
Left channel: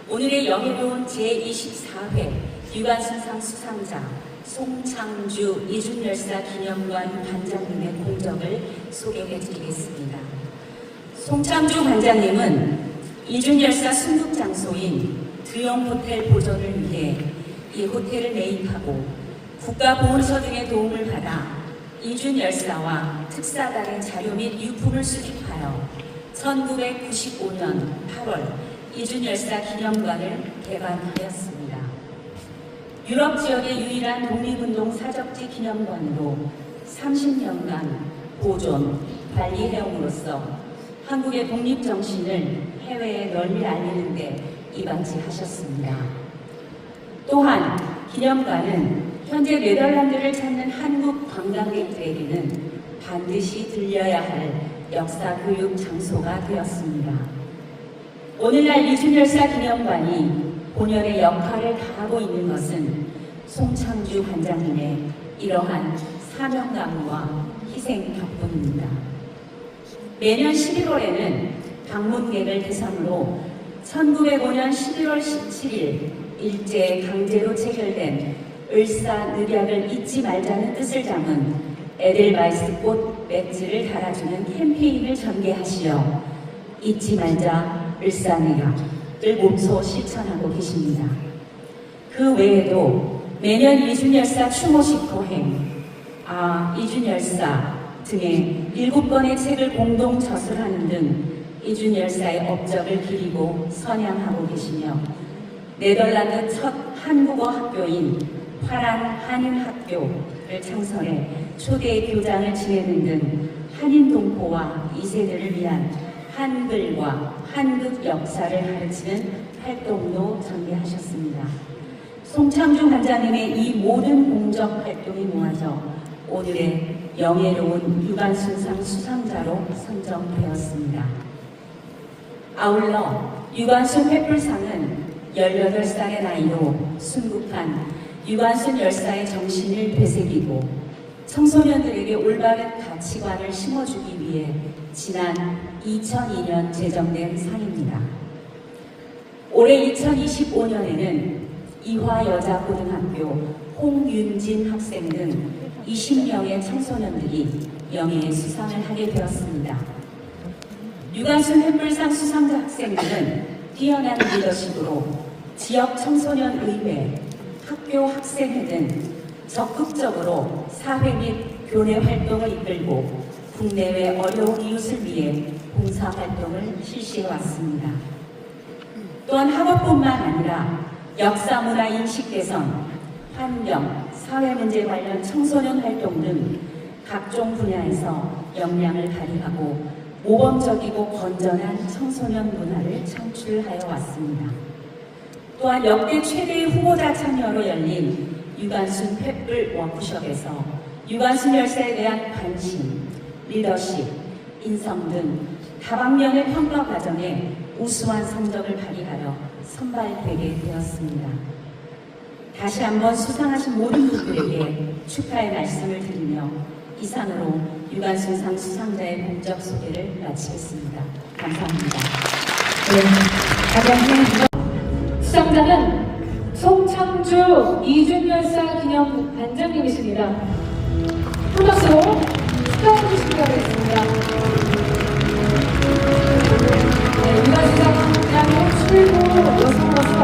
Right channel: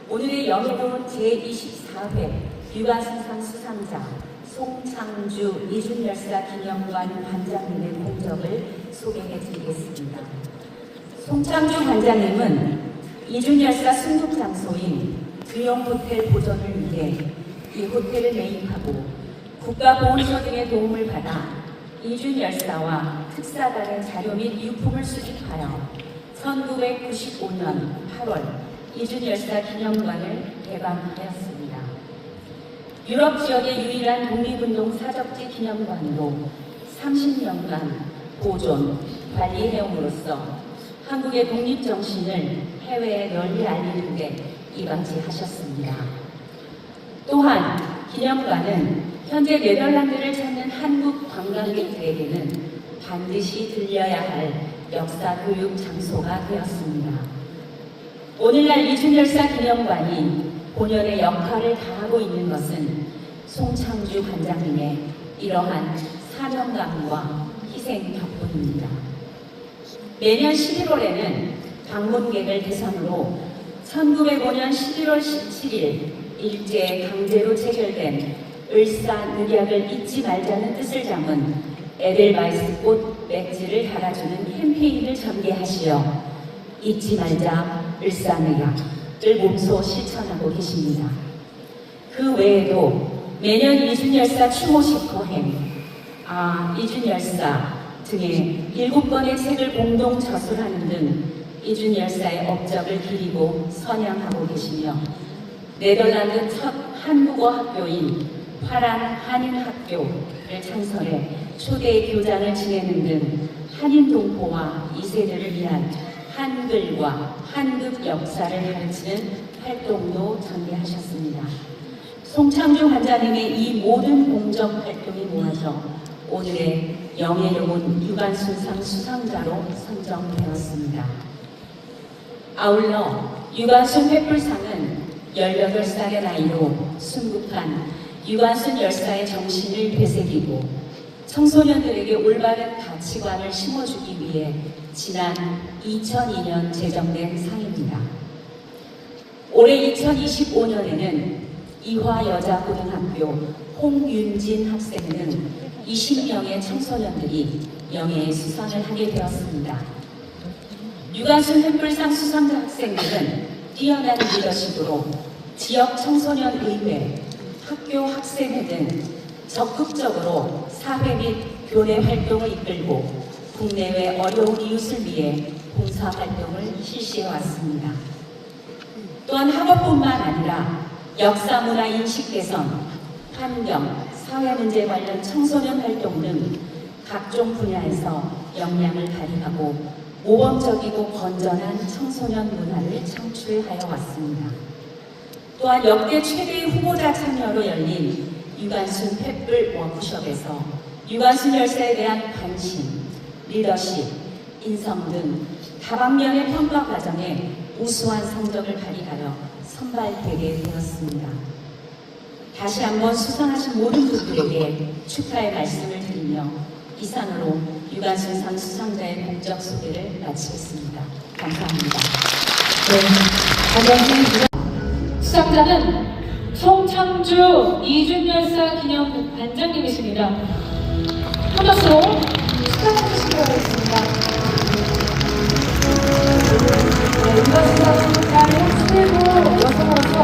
오늘의 영예로운 제24회 유관순상 수상자 송창주 이준열사 기념관 관장님의 공적을 소개해드리겠습니다. 송창주 관장님은 이준열사 순국 장소인 드용호텔 보존을 위해 이 호텔을 매입하고 국가보훈처 등의 도움을 받아 이준열사와 특사단의 자료 및 유품을 수집하여 1995년 8월 이준열사 기념관을 개관하였습니다. 유럽 지역의 유일한 독립운동 사적지 기념관으로 30년간 보존, 관리해옴으로써 한국의 독립정신을 해외에 널리 알리는 데 이방지하셨습니다. 또한 기념관은 현재 네덜란드를 찾는 한국 관광객들에게는 반드시 들려야 할 역사교육 장소가 되었습니다. 오늘날 이준열사 기념관이 본연의 역할을 다하고 있는 것은 송창주 관장님의 이러한 사명감과 희생 덕분입니다. 매년 11월에는 방문객을 대상으로 1905년 11월 17일 일제에 강제로 체결된 을사늑약을 잊지 말자는 뜻을 담은 에델바이스꽃 맥주를 달아주는 캠페인을 전개하시어 잊지 말자 을사늑약을 몸소 실천하고 계십니다. 그 외에도 매년 이준열사 추모식 도행, 이준열사 등의 7권의 책을 공동 저술하는 등 이준열사의 업적을 기리고 선양하고 계시며 네덜란드 첫 한국어 학교인 화란 한인학교를 창설해 초대 교장을 지내는 등 한인 동포와 2세들을 위한 한글과 한국 역사를 가르치는 활동도 전개하셨습니다. 송창주 관장님의 이 모든 공적 활동이 모아져 오늘의 영예로운 유관순상 수상자로 선정되었습니다. 아울러 유관순 횃불상은 18살의 나이로 순국한 유관순 열사의 정신을 되새기고 청소년들에게 올바른 가치관을 심어주기 위해 지난 2002년 제정된 상입니다. 올해 2025년에는 이화여자고등학교 홍윤진 학생 등 20명의 청소년들이 영예의 수상을 하게 되었습니다. 유관순 횃불상 수상자 학생들은 뛰어난 리더십으로 지역 청소년 의회, 학교 학생회 등 적극적으로 사회 및 교내 활동을 이끌고 국내외 어려운 이웃을 위해 봉사활동을 실시해왔습니다. 또한 학업뿐만 아니라 역사 문화 인식 개선, 환경, 사회문제 관련 청소년 활동 등 각종 분야에서 역량을 발휘하고 모범적이고 건전한 청소년 문화를 창출하여 왔습니다. 또한 역대 최대의 후보자 참여로 열린 유관순 횃불 워크숍에서 유관순 열사에 대한 관심, 리더십, 인성 등 다방면의 평가 과정에 우수한 성적을 발휘하여 선발되게 되었습니다. 다시 한번 수상하신 모든 분들에게 축하의 말씀을 드리며 이상으로 유관순상 수상자의 공적 소개를 마치겠습니다. 감사합니다. 수상자는 송창주 이준열사 기념관 관장님이십니다. 훈호송 축하해 주시기 바라겠습니다. 유관순 수상자의 출구 여성으로서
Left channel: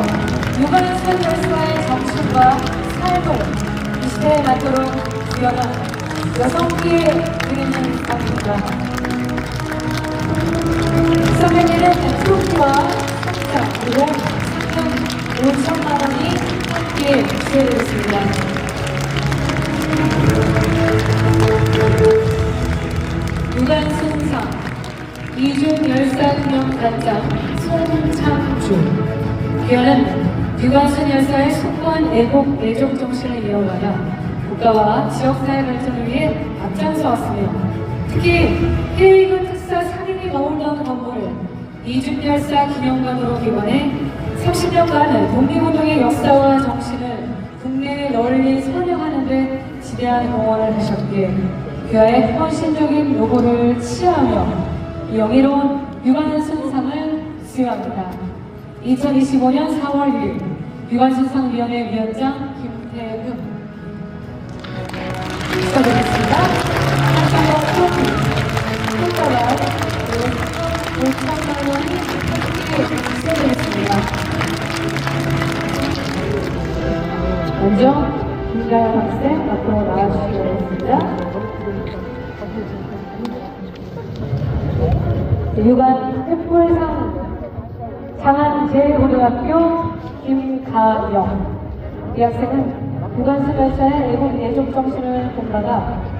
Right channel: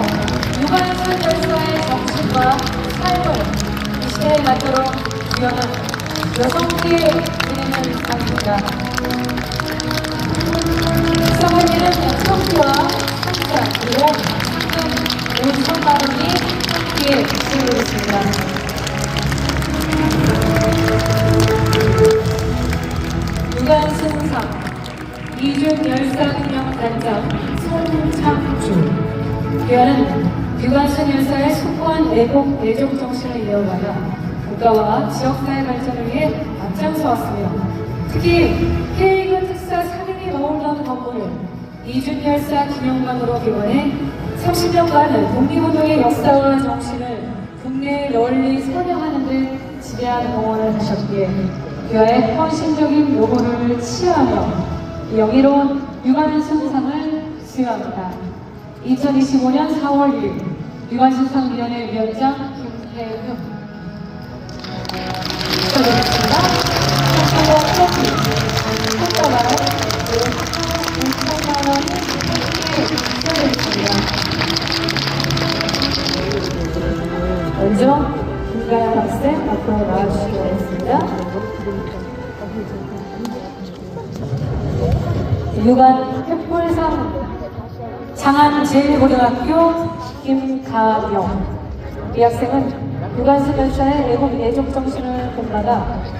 유관순 열사의 정신과 삶을 이 시대에 맞도록 구현한 여성들의 진행을 상입니다. 수상자는 총수와 상자 그리고 의상마름이 함께 수여되겠습니다. 유관순상 이준열사 기념관장 송창주 귀하는 유관순 열사의 숭고한 애국 애족 정신을 이어받아 국가와 지역사회 발전을 위해 앞장서왔습니다. 특히 해외인근 특사 상임위 머물던 건물을 이준열사 기념관으로 개관해 30년간 독립운동의 역사와 정신을 국내에 널리 선양하는 데 지대한 응원을 하셨기에 귀하의 헌신적인 노고를 치하하며 영예로운 유관순상을 수여합니다. 2025년 4월 1일 유관순상위원회 위원장 김태흠 축하드리겠습니다. 그리고 트로피, 행정과 6천만 원이 수여되겠습니다. 먼저 김가연 학생 앞으로 나와주시기 바랍니다. 유관 횃불상 장안제일고등학교 김가영. 이 학생은 유관순열사의 애국 애적 정신을 본받아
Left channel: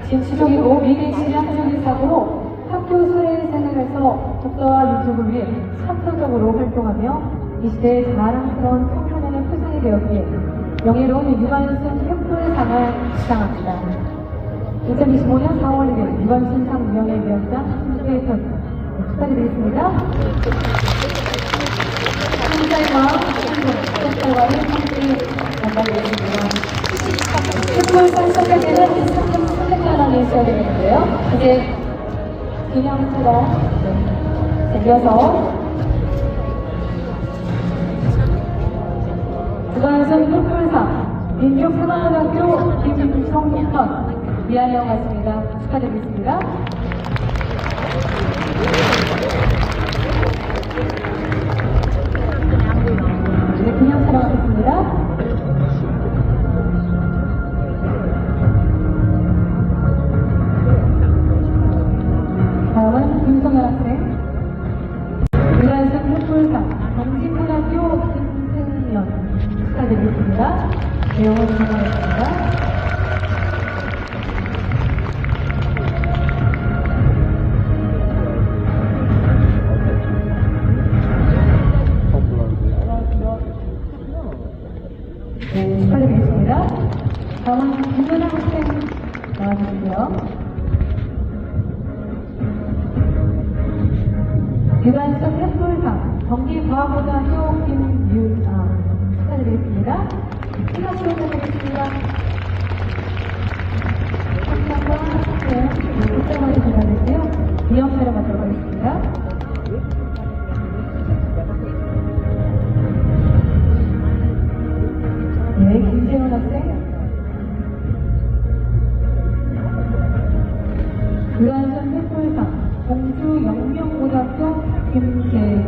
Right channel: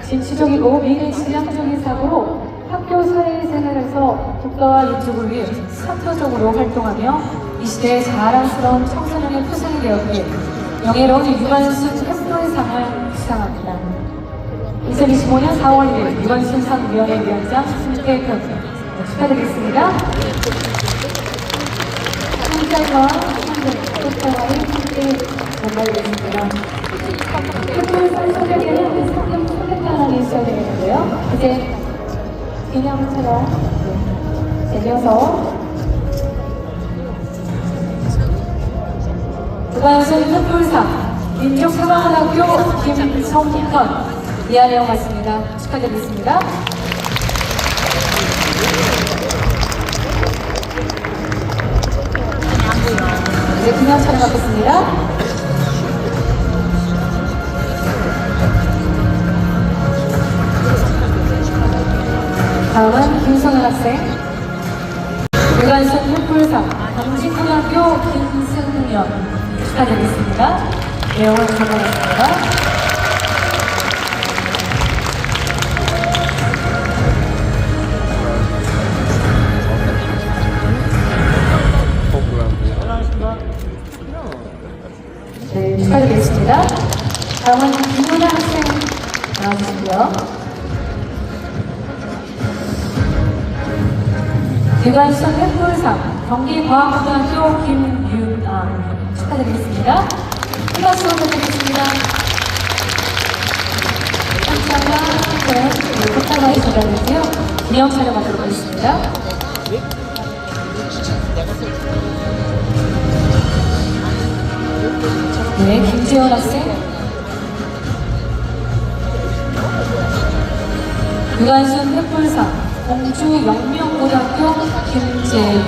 진취적이고 미래지향적인 사고로 학교 사회생활에서 국가와 민족을 위해 사토적으로 활동하며 이 시대의 자랑스러운 청소년의 표상이 되었기에 영예로운 유관순 횃불상을 수상합니다. 2025년 4월 1일 유관순상위원회 위원장 김태흠 축하드리겠습니다. 팀장과 팀장이 함께 전달되겠습니다. 횃불상 선택에는 상금 300만 원이 수여되는데요. 이제 기념처럼 이어서 유관순 횃불상 민족사관학교 김성현 미안해요 같습니다. 축하드리겠습니다. 이제 기념 촬영하겠습니다. 다음은 김성현 학생. 유관순 횃불상 경진고등학교 김승연 축하드리겠습니다. 내용을 전달했습니다. 네, 축하드리겠습니다. 다음은 김문아 학생 나와주시고요. 유관순 횃불상 경기과학고등학교 김윤아 축하드리겠습니다. 큰 박수 부탁드리겠습니다. 상장과 함께 꽃다발이 전달되고요. 기념 촬영하도록 하겠습니다. 네, 김재원 학생. 유관순 횃불상 공주영명고등학교 김재윤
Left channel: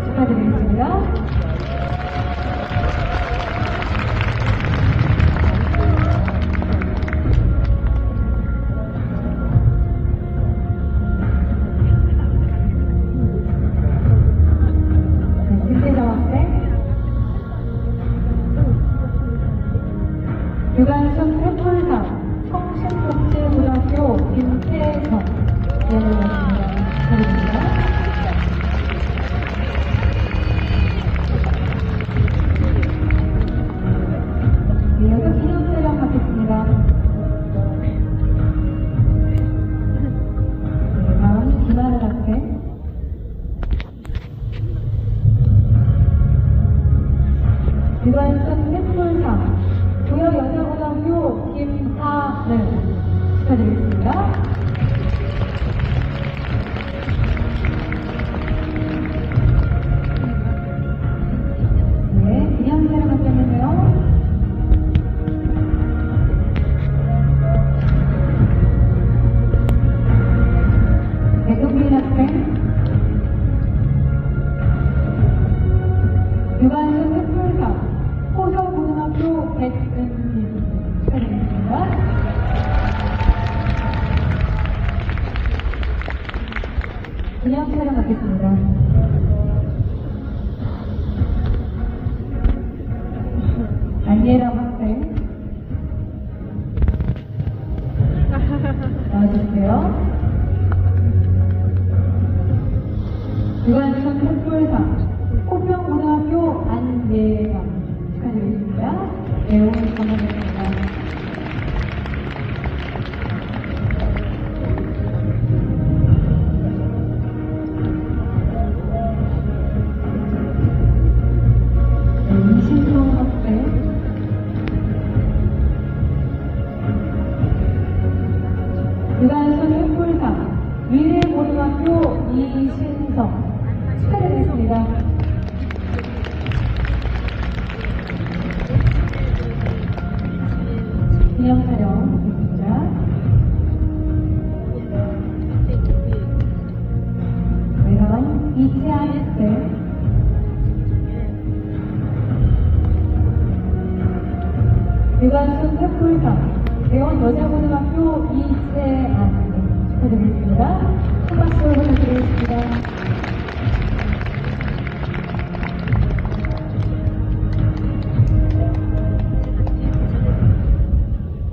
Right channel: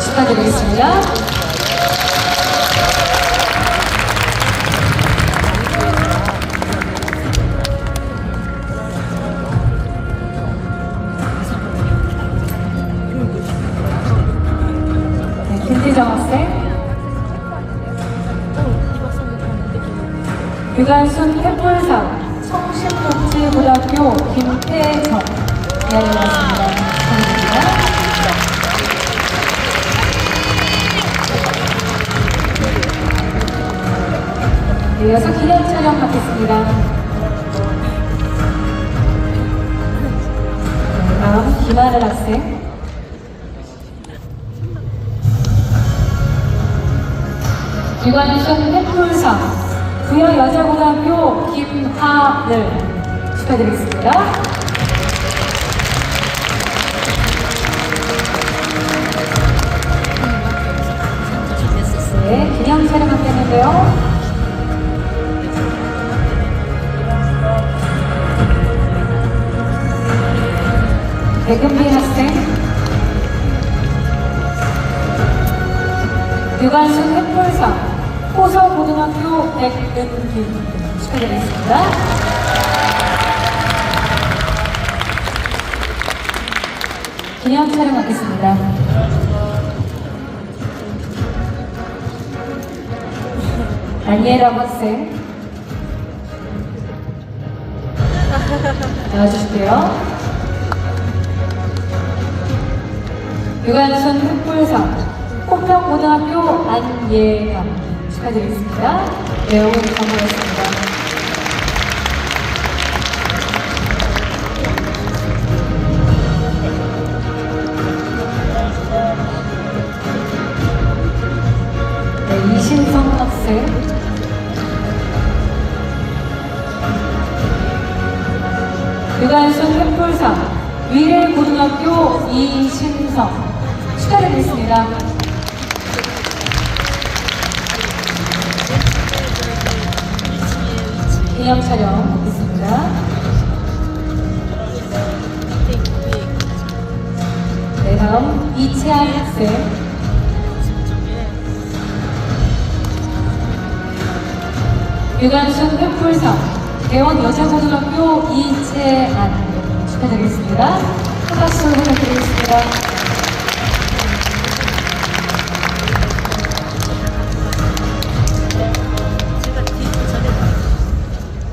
축하드리겠습니다. 네, 김태정 학생. 유관순 횃불상 청심복지고등학교 김태정 미안해봤습니다. 감사합니다. 네, 이어서 기념 촬영 받겠습니다. 네, 다음 김하늘 학생. 유관순 횃불상 부여여자고등학교 김하늘 축하드리겠습니다. 네, 기념 촬영하겠는데요. 백은빈 학생. 유관순 횃불상 호서고등학교 백은빈 축하드리겠습니다. 기념 촬영하겠습니다. 안예람 학생 나와주실게요. 유관순 횃불상 꽃평고등학교 안예감 축하드리겠습니다. 내용을 전달했습니다. 네, 이신성 학생. 횃불상 위례고등학교 이신성 축하드리겠습니다. 기념 촬영 있습니다. 네, 다음 이채한 학생. 유관순 횃불상 대원 여자고등학교 이채안 축하드리겠습니다. 큰 박수 부탁드리겠습니다.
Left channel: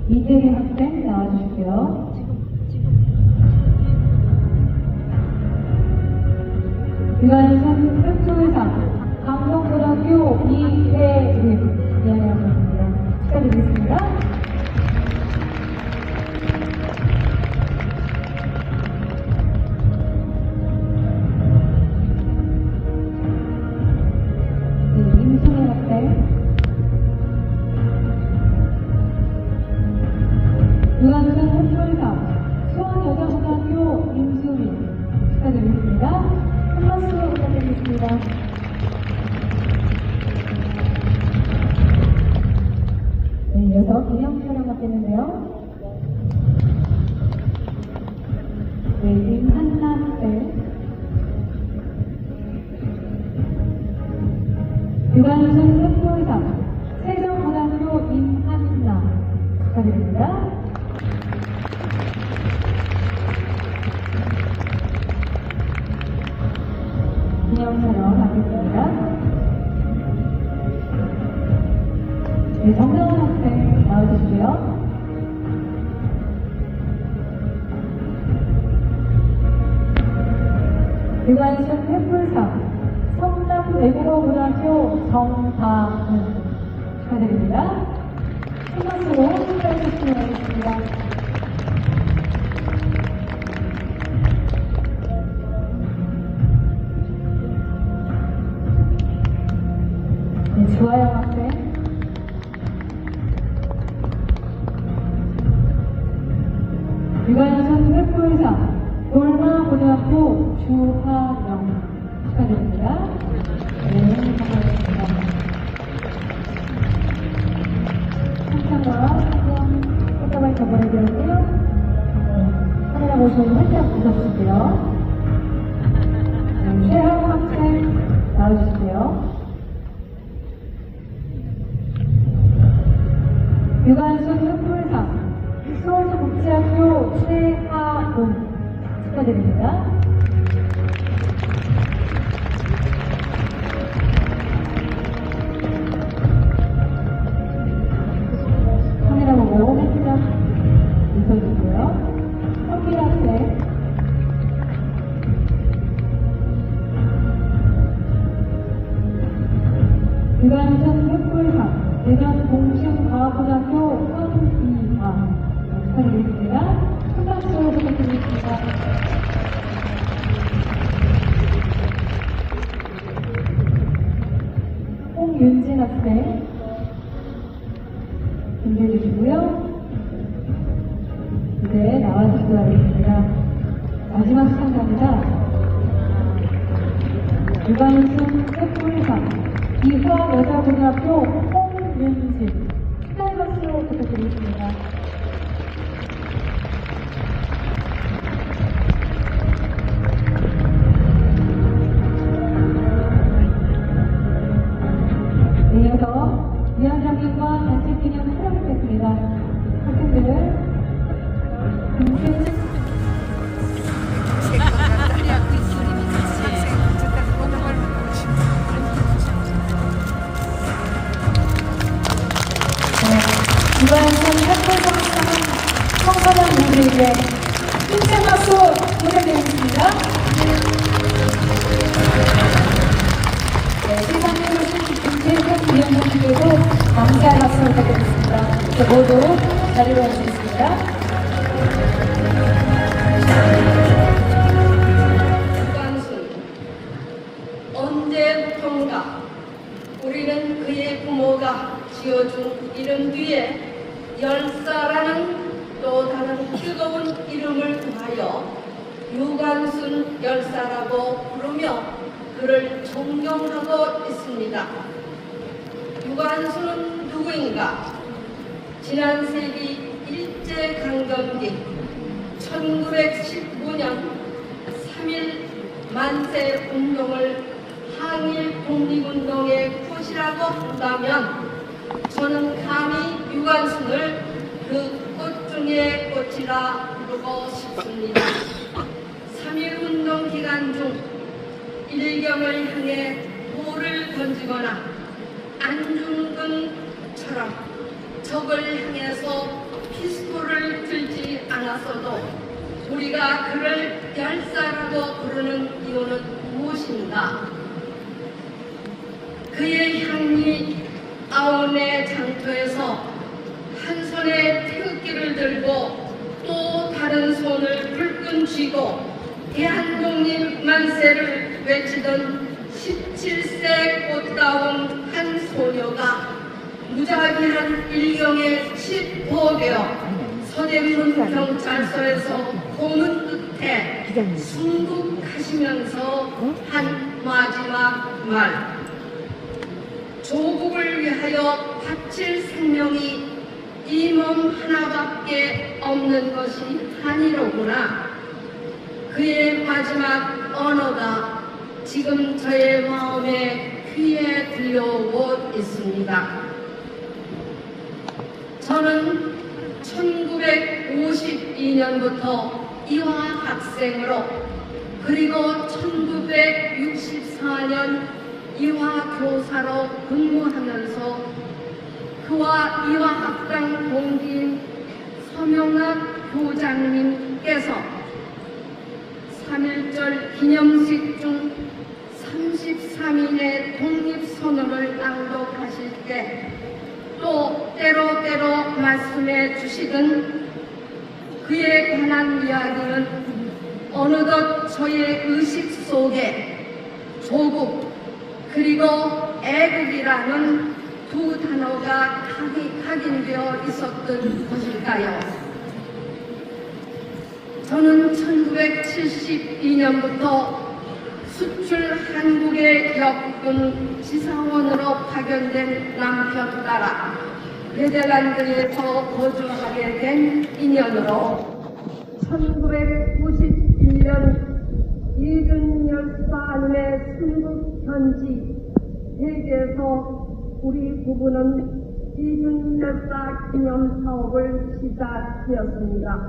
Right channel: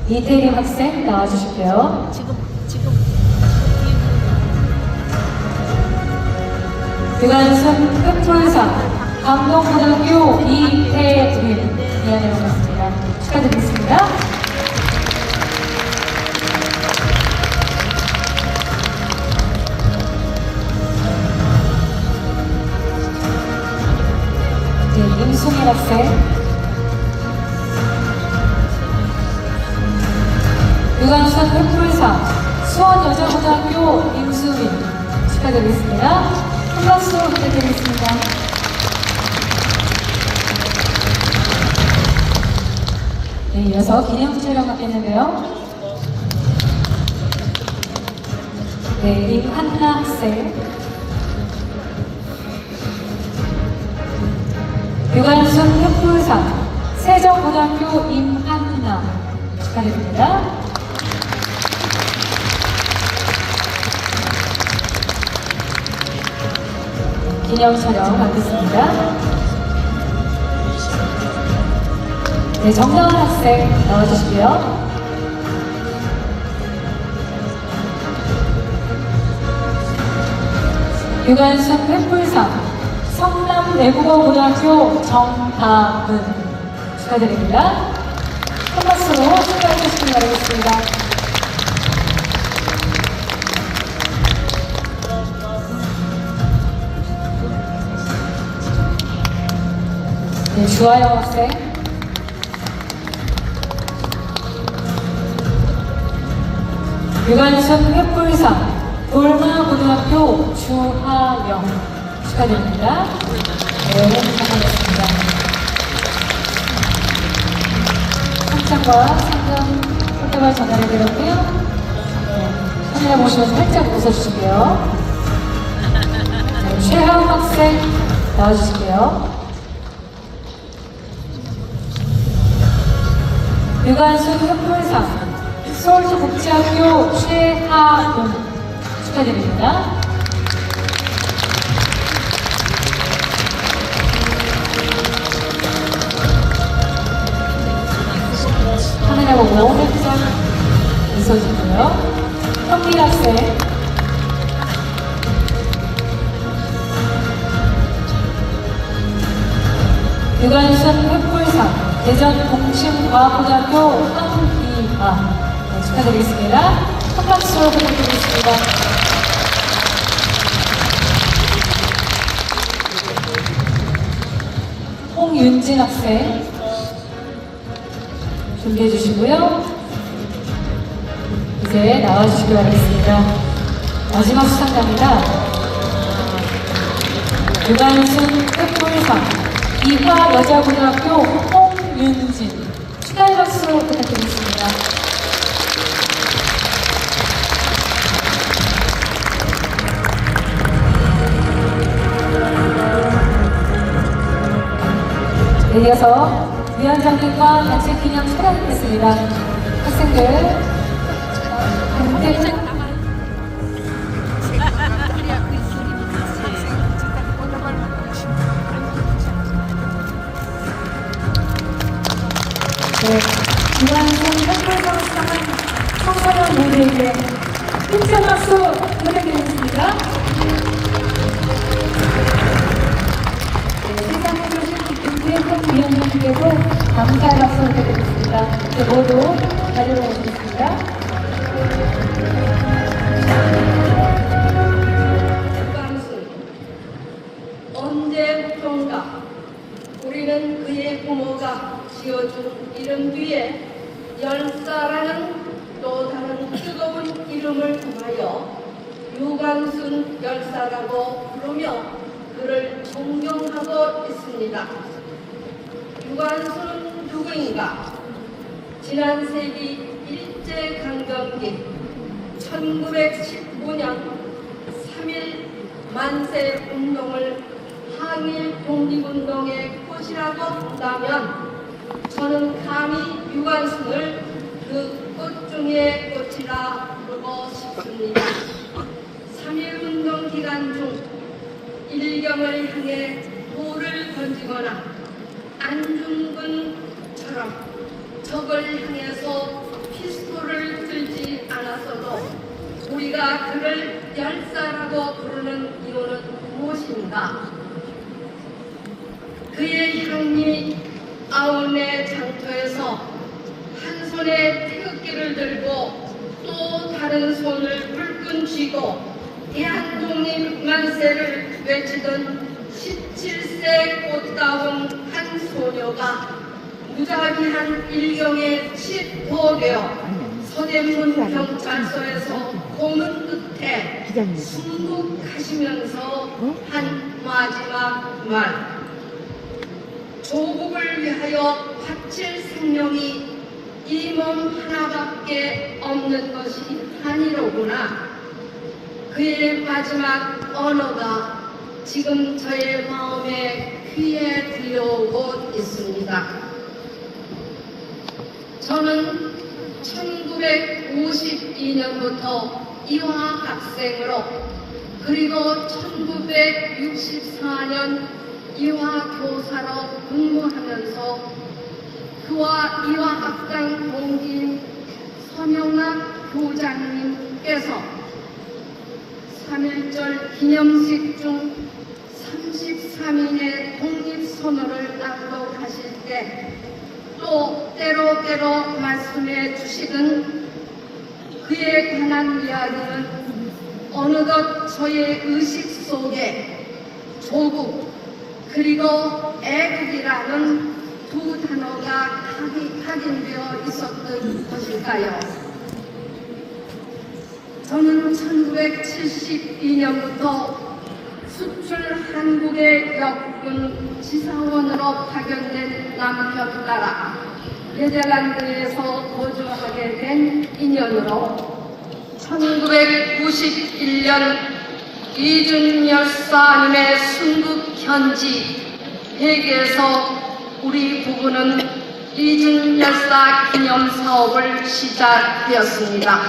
이태림 학생 나와주실게요. 유관순 횃불상 감동고등학교 이태림 미안해 반갑습니다. 축하드리겠습니다. 네, 임수민 학생. 유관순 횃불상 수원여자고등학교 임수민 축하드리겠습니다. 큰 박수 부탁드리겠습니다. 네, 이어서 기념 촬영 갖겠는데요. 네, 임한나 학생. 유관순 횃불상 세정고등학교 임한나 축하드립니다. 기념 촬영 갖겠습니다. 네, 정다은 학생 나와주시고요. 유관순 횃불상 성남외국어고등학교 정다은 축하드립니다. 큰 박수로 축하해 주시기 바라겠습니다. 네, 주하영 학생. 유관순 횃불상 돌마고등학교 주하영 축하드립니다. 네, 감사합니다. 상장과 상금 꽃다발 전달해드렸고요. 네, 카메라 보시면서 살짝 웃어주실게요. 네, 최하영 학생 나와주실게요. 유관순 횃불상 서울시국제학교 최하용 축하드립니다. 카메라 보고 살짝 웃어주고요. 현미 학생. 유관순 횃불상 대전 공심과학고등학교 황희아 네, 축하드리겠습니다. 큰 박수 부탁드리겠습니다. 홍윤진 학생 준비해 주시고요. 이제 나와주시기 바라겠습니다. 마지막 수상자입니다. 유관순 횃불상 이화여자고등학교 홍윤진 축하의 박수 부탁드리겠습니다. 네, 이어서 위원장님과 단체 기념 촬영하겠습니다. 학생들 네, 유관순 횃불상 청소년분들에게 힘찬 박수 부탁드리겠습니다. 네, 세상에 김태훈 위원장님께도 감사의 박수 부탁드리겠습니다. 이제 모두 자리로 오시겠습니다. 유관순 언제부턴가 우리는 그의 부모가 지어준 이름 뒤에 열사라는 또 다른 뜨거운 이름을 더하여 유관순 열사라고 부르며 그를 존경하고 있습니다. 유관순은 누구인가? 지난 세기 일제강점기 1915년 3.1 만세 운동을 항일 독립운동의 꽃이라고 한다면 저는 감히 유관순을 그 꽃 중의 꽃이라 부르고 싶습니다. 3.1운동 기간 중 일경을 향해 돌을 던지거나 안중근처럼 적을 향해서 피스톨을 들지 않았어도 우리가 그를 열사라고 부르는 이유는 무엇인가? 그의 향이 아우네 장터에서 한 손에 태극기를 들고 또 다른 손을 불끈 쥐고 대한독립 만세를 외치던 17세 꽃다운 한 소녀가 무자비한 일경에 칠포되어 서대문 경찰서에서 보는 끝에 순국하시면서 한 마지막 말, 조국을 위하여 바칠 생명이 이 몸 하나밖에 없는 것이 아니로구나. 그의 마지막 언어가 지금 저의 마음에 귀에 들려오고 있습니다. 저는 1952년부터 이화학생으로 그리고 1964년 이화교사로 근무하면서 그와 이화학당 동기인 서명학 교장님께서 3.1절 기념식 중 33인의 독립선언을 낭독하실 때 또 때로 말씀해 주시던 그에 관한 이야기는 어느덧 저의 의식 속에 조국 그리고 애국이라는 두 단어가 각인되어 있었던 것일까요? 저는 1972년부터 수출 한국의 역군 지사원으로 파견된 남편 따라 네덜란드에서 거주하게 된 인연으로 1991년 이준 열사님의 순국 현지 회계에서 우리 부부는 이준 열사 기념 사업을 시작되었습니다.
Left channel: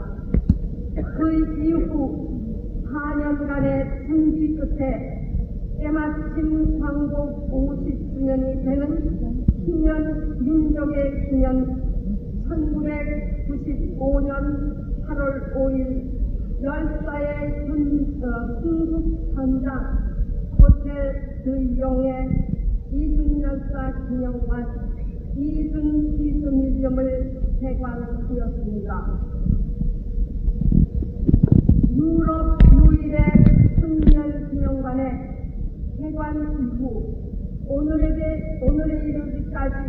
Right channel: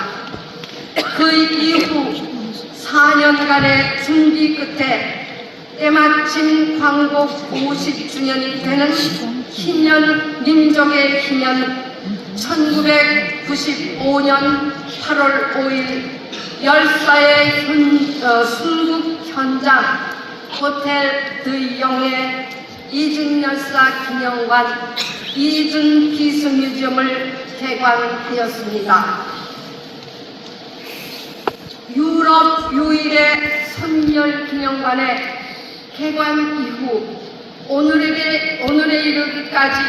그 이후 4년간의 준비 끝에 때마침 광복 50주년이 되는 희년 민족의 희년 1995년 8월 5일 열사의 순국 현장 호텔 드이용의 이준 열사 기념관 이준 기수뮤지엄을 개관하였습니다. 유럽 유일의 선열 기념관의 개관 이후 오늘에 이르기까지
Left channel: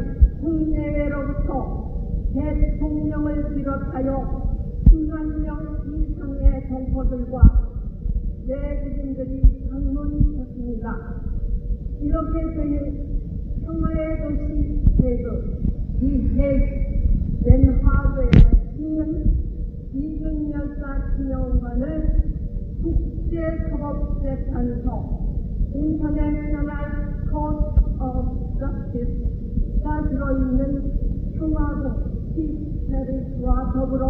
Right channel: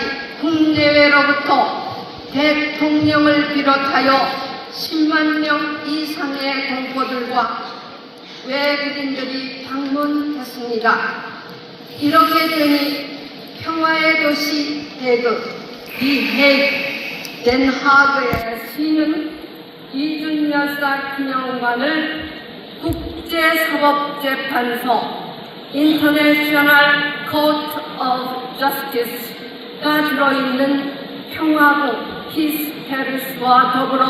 국내외로부터 대통령을 비롯하여 10만 명 이상의 공포들과 외국인들이 방문했습니다. 이렇게 되니 평화의 도시 헤그, 덴하그의 시는 이준 열사 기념관을 국제사법재판소 International Court of Justice가 들어있는 평화국 피스 페리스와 더불어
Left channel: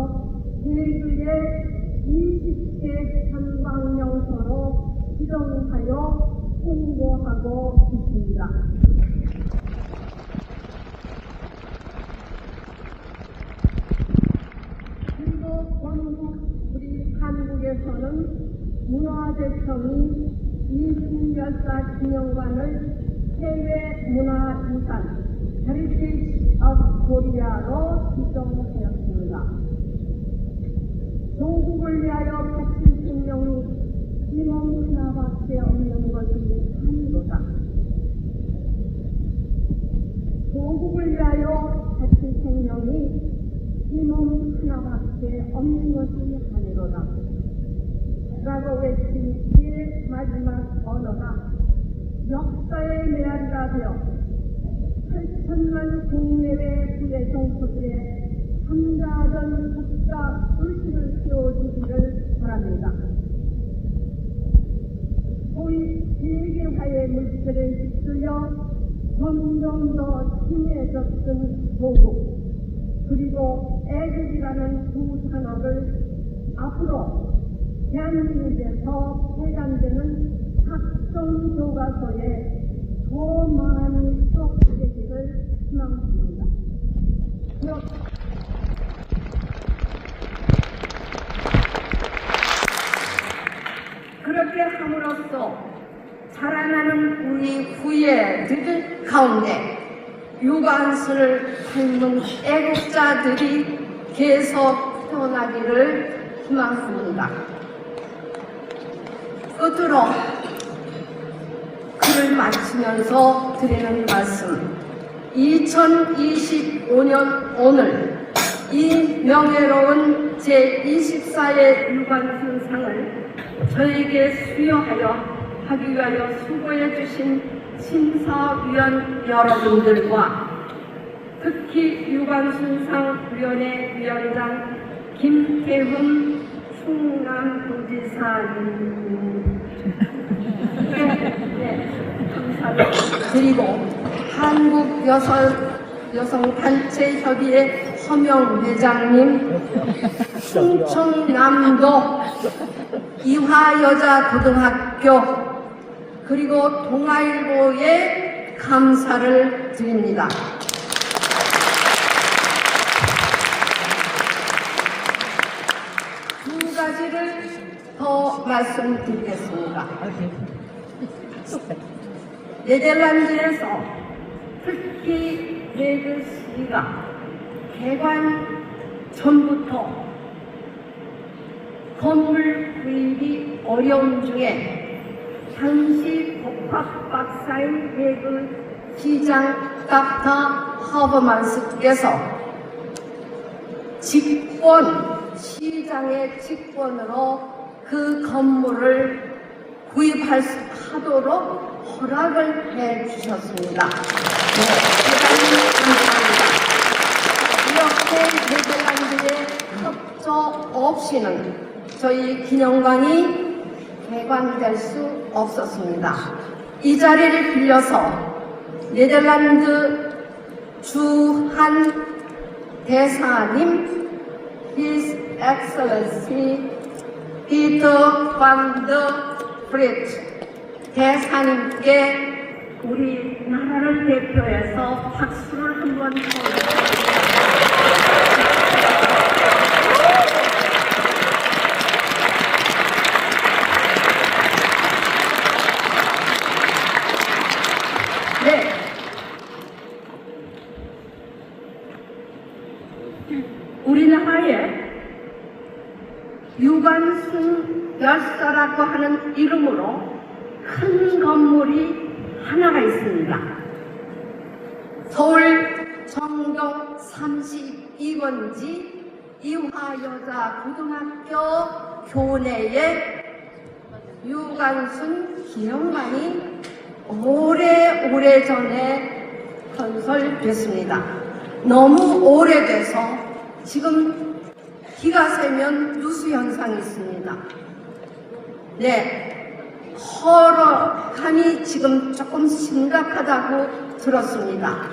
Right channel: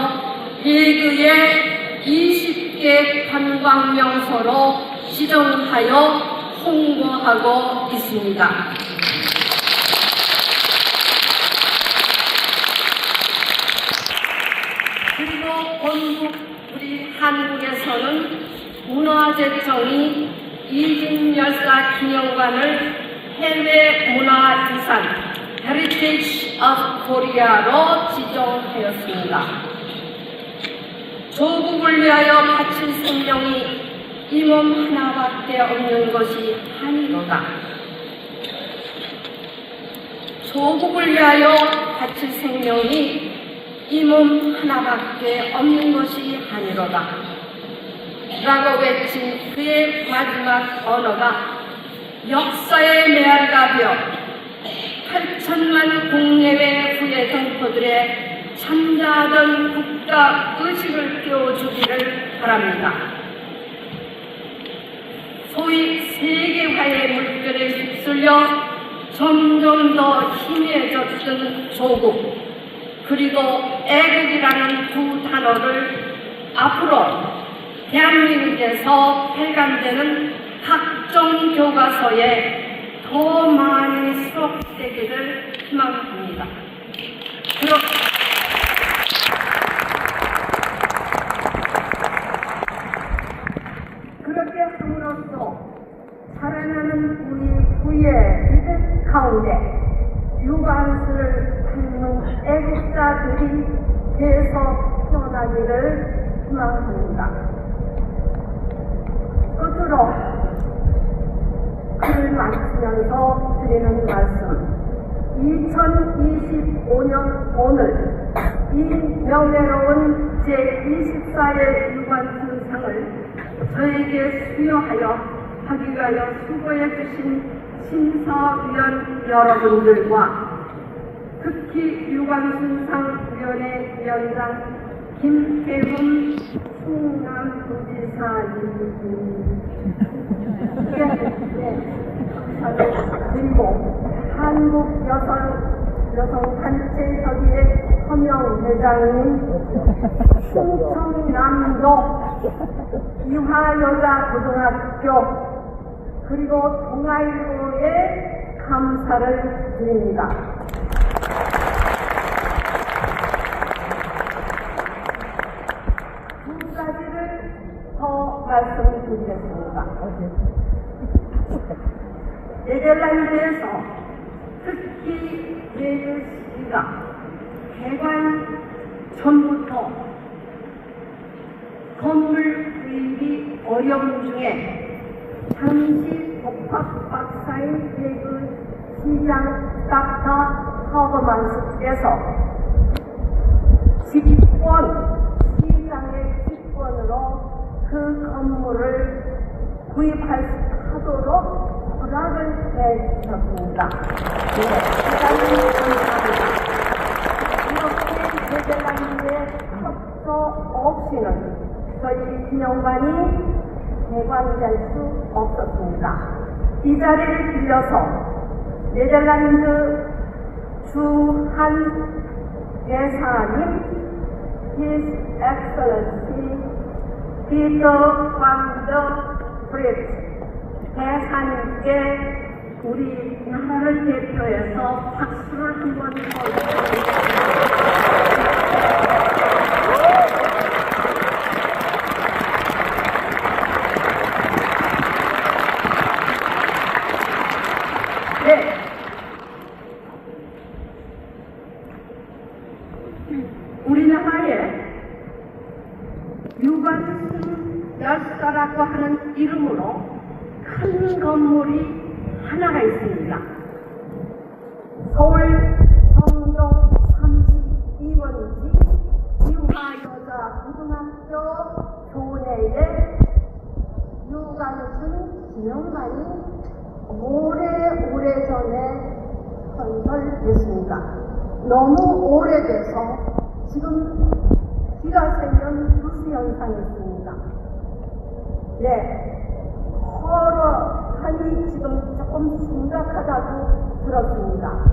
헤그의 20개 관광명소로 지정하여 홍보하고 있습니다. 그리고 본국 우리 한국에서는 문화재청이 이준 열사 기념관을 해외 문화유산 Heritage of Korea로 지정하였습니다. 조국을 위하여 바칠 생명이 이 몸 하나밖에 없는 것이 아니로다. 조국을 위하여 바칠 생명이 이 몸 하나밖에 없는 것이 아니로다 라고 외친 그의 마지막 언어가 역사의 메아리가 되어 8천만 국내외 후예 동포들의 참다하던 국가 의식을 깨워주기를 바랍니다. 소위 세계화의 물결에 휩쓸려 점점 더 희미해졌던 조국 그리고 애국이라는 두 단어를 앞으로 대한민국에서 발간되는 각종 교과서에 더 많이 수록되기를 희망합니다. 그렇게 함으로써 자라나는 우리 후예들 가운데 유관순을 닮은 애국자들이 계속 태어나기를 희망합니다. 끝으로 글을 마치면서 드리는 말씀 2025년 오늘 이 명예로운 제24회 유관순상을 저에게 수여하여 하기 위하여 수고해 주신 심사위원 여러분들과 특히 유관순상 위원회 위원장 김태훈 충남부지사님께 감사를 드리고 한국 여성단체협의회 서명 회장님, 충청남도 이화여자고등학교 그리고 동아일보에 감사를 드립니다. 두 가지를 더 말씀드리겠습니다. 네덜란드에서 특히 레드시가 개관 전부터 건물 구입이 어려운 중에 당시 복합박사인 외국 시장 닥터 허버만스께서 시장의 직권으로 그 건물을 구입하도록 허락을 해 주셨습니다. 대단히 감사합니다. 이렇게 네덜란드의 협조 없이는 저희 기념관이 개관될 수 없었습니다. 이 자리를 빌려서 네덜란드 주한 대사님 His Excellency Peter van der Vliet 대사님께 우리나라를 대표해서 박수를 한번 네. 우리나라에 유관순 열사라고 하는 이름으로 큰 건물이 하나가 있습니다. 서울 정동 32번지 이화여자고등학교 교내에 유관순 기념관이 오래전에 건설됐습니다. 너무 오래돼서 지금 비가 새면 누수 현상이 있습니다. 네, 허락함이 지금 조금 심각하다고 들었습니다.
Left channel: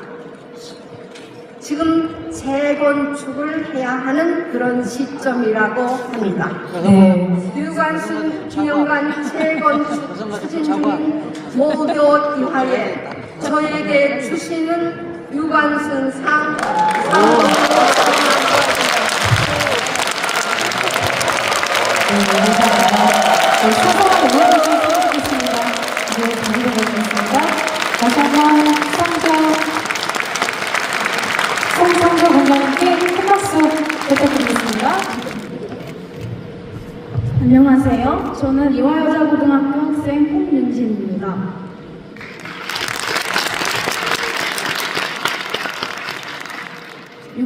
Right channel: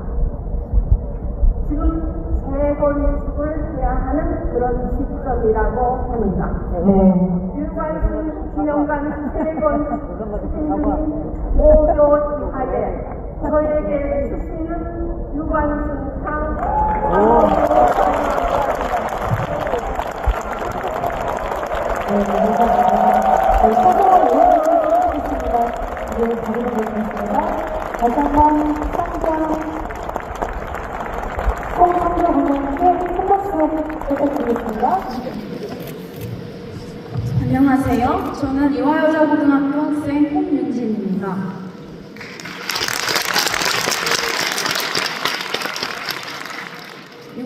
지금 재건축을 해야 하는 그런 시점이라고 합니다. 유관순 기념관 재건축 추진 중인 모교 이하에 저에게 주시는 유관순상 소소한 의원님을 소개하겠습니다. 네, 자리를 보겠습니다. 다시 한번 송창조 군장님께 큰 박수 부탁드리겠습니다. 안녕하세요. 저는 이화여자고등학교 학생 홍윤진입니다.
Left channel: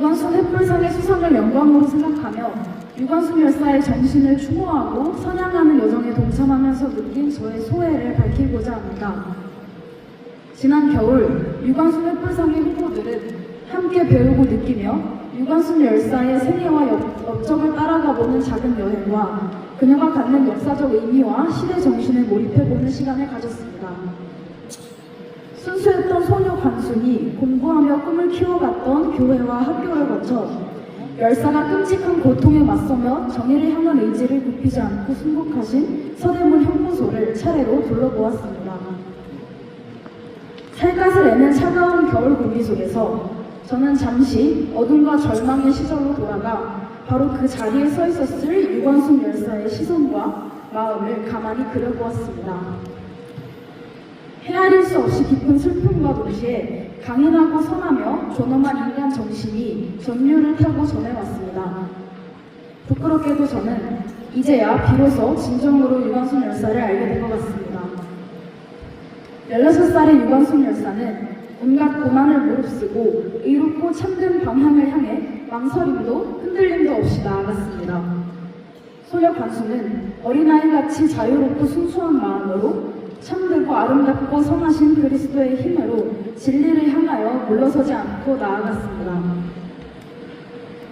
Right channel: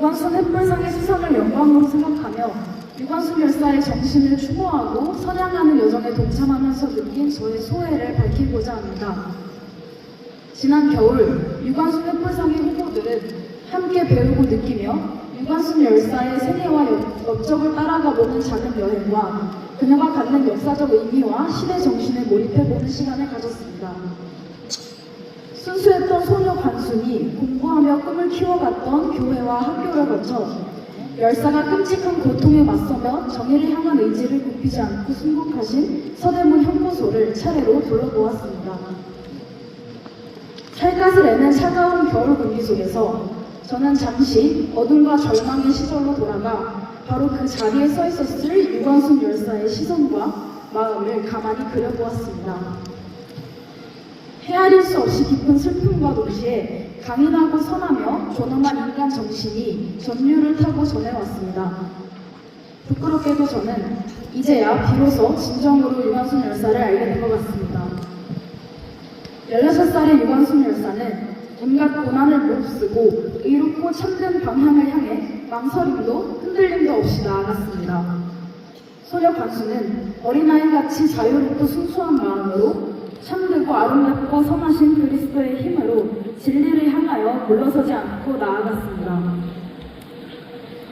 유관순 햇불상의 수상을 영광으로 생각하며 유관순 열사의 정신을 추모하고 선양하는 여정에 동참하면서 느낀 저의 소회를 밝히고자 합니다. 지난 겨울 유관순 햇불상의 후보들은 함께 배우고 느끼며 유관순 열사의 생애와 업적을 따라가보는 작은 여행과 그녀가 갖는 역사적 의미와 시대 정신에 몰입해보는 시간을 가졌습니다. 순수했던 소녀 관순이 공부하며 꿈을 키워갔던 교회와 학교를 거쳐 열사가 끔찍한 고통에 맞서며 정의를 향한 의지를 굽히지 않고 순국하신 서대문 형무소를 차례로 둘러보았습니다. 살갗을 애는 차가운 겨울 공기 속에서 저는 잠시 어둠과 절망의 시절로 돌아가 바로 그 자리에 서 있었을 유관순 열사의 시선과 마음을 가만히 그려보았습니다. 헤아릴 수 없이 깊은 슬픔과 동시에 강인하고 선하며 존엄한 인간 정신이 전류를 타고 전해왔습니다. 부끄럽게도 저는 이제야 비로소 진정으로 유관순 열사를 알게 된 것 같습니다. 16살의 유관순 열사는 온갖 고난을 무릅쓰고 의롭고 참된 방향을 향해 망설임도 흔들림도 없이 나아갔습니다. 소녀 관순은 어린아이같이 자유롭고 순수한 마음으로 참되고 아름답고 선하신 그리스도의 힘으로 진리를 향하여 물러서지 않고 나아갔습니다.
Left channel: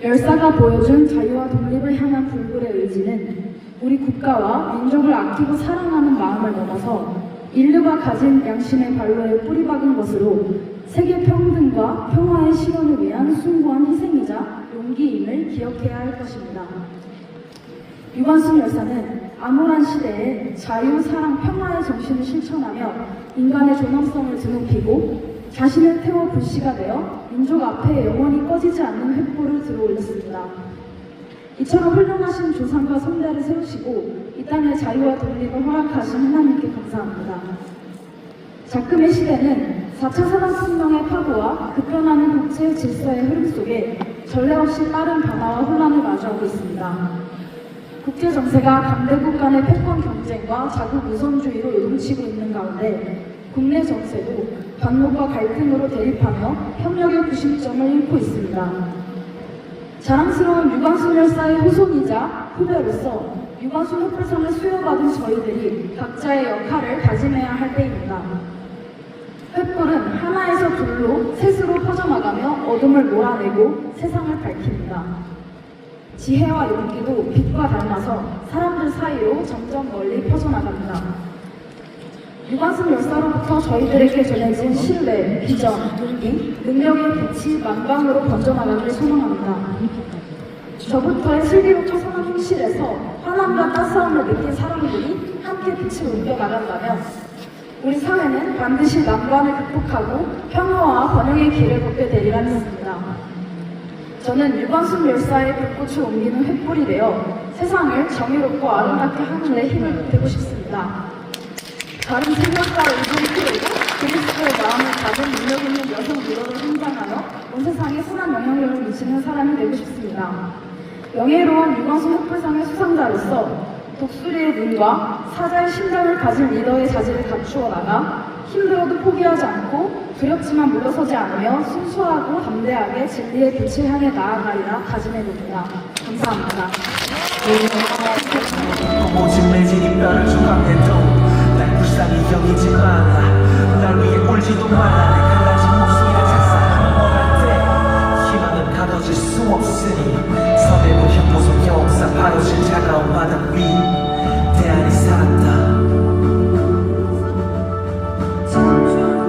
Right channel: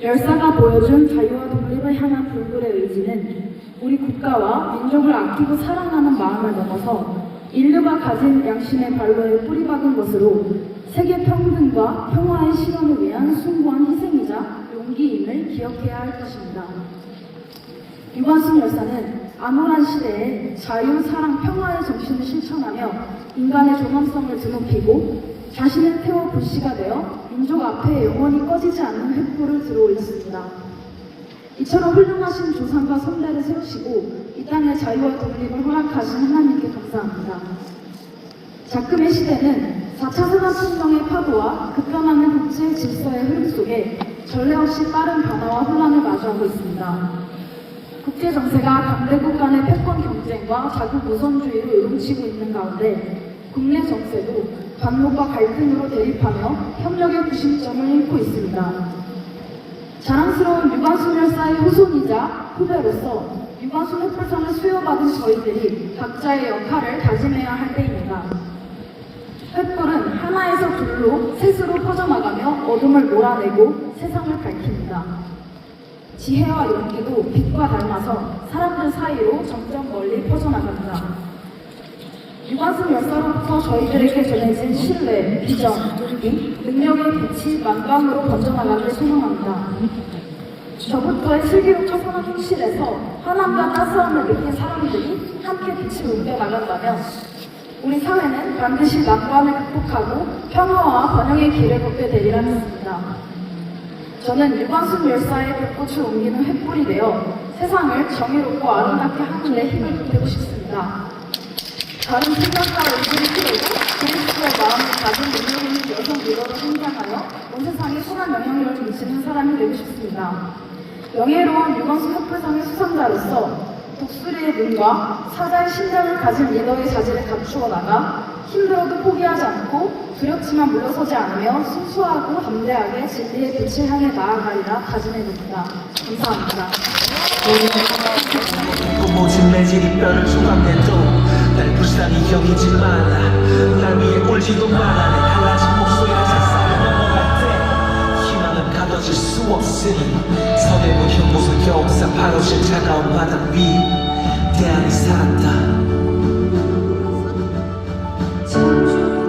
열사가 보여준 자유와 독립을 향한 불굴의 의지는 우리 국가와 민족을 아끼고 사랑하는 마음을 넘어서 인류가 가진 양심의 발로에 뿌리박은 것으로 세계 평등과 평화의 실현을 위한 숭고한 희생이자 용기임을 기억해야 할 것입니다. 유관순 열사는 암울한 시대에 자유, 사랑, 평화의 정신을 실천하며 인간의 존엄성을 드높이고 자신을 태워 불씨가 되어 민족 앞에 영원히 꺼지지 않는 횃불을 들어올렸습니다. 이처럼 훌륭하신 조상과 선대를 세우시고 이 땅의 자유와 독립을 허락하신 하나님께 감사합니다. 작금의 시대는 4차 산업혁명의 파도와 급변하는 국제 질서의 흐름 속에 전례 없이 빠른 변화와 혼란을 마주하고 있습니다. 국제 정세가 강대국 간의 패권 경쟁과 자국 우선주의로 요동치고 있는 가운데 국내 정세도 반목과 갈등으로 대립하며 협력의 구심점을 잃고 있습니다. 자랑스러운 유관순 열사의 후손이자 후배로서 유관순 햇불상을 수여받은 저희들이 각자의 역할을 다짐해야 할 때입니다. 횃불은 하나에서 둘로 셋으로 퍼져나가며 어둠을 몰아내고 세상을 밝힙니다. 지혜와 용기도 빛과 닮아서 사람들 사이로 점점 멀리 퍼져나갑니다. 유관순 열사로부터 저희들에게 전해진 신뢰, 비전, 용기, 능력의 빛이 만방으로 번져나가길 소망합니다. 저부터의 슬기롭고 선한 행실에서 화남과 따스함을 느낀 사람들이 함께 빛을 옮겨나간다면 우리 사회는 반드시 난관을 극복하고 평화와 번영의 길을 걷게 되리라 믿습니다. 저는 유관순 열사의 빛꽃을 옮기는 횃불이 되어 세상을 정의롭고 아름답게 하는 데 힘을 되고 싶습니다. 다른 생각과 의지를 키우고 그리스도의 마음을 가진 능력 있는 여성 리더로 성장하며 온 세상에 선한 영향력을 미치는 사람이 되고 싶습니다. 영예로운 유관순 횃불상의 수상자로서 독수리의 눈과 사자의 심장을 가진 리더의 자질을 갖추어 나가 힘들어도 포기하지 않고 두렵지만 물러서지 않으며 순수하고 담대하게 진리의 빛을 향해 나아가리라 다짐해봅니다. 감사합니다. 모진 매질이 뼈를 조각내도 날 불쌍히 여기지 마라. 날 위해 울지도 마라. 내 갈라진 목소리가 작살하는 것 같아. 희망은 가둬질 수 없으니 서대문 형무소 역사 바로 실 차가운 바닥 위 대안이 살았다. 두 무릎을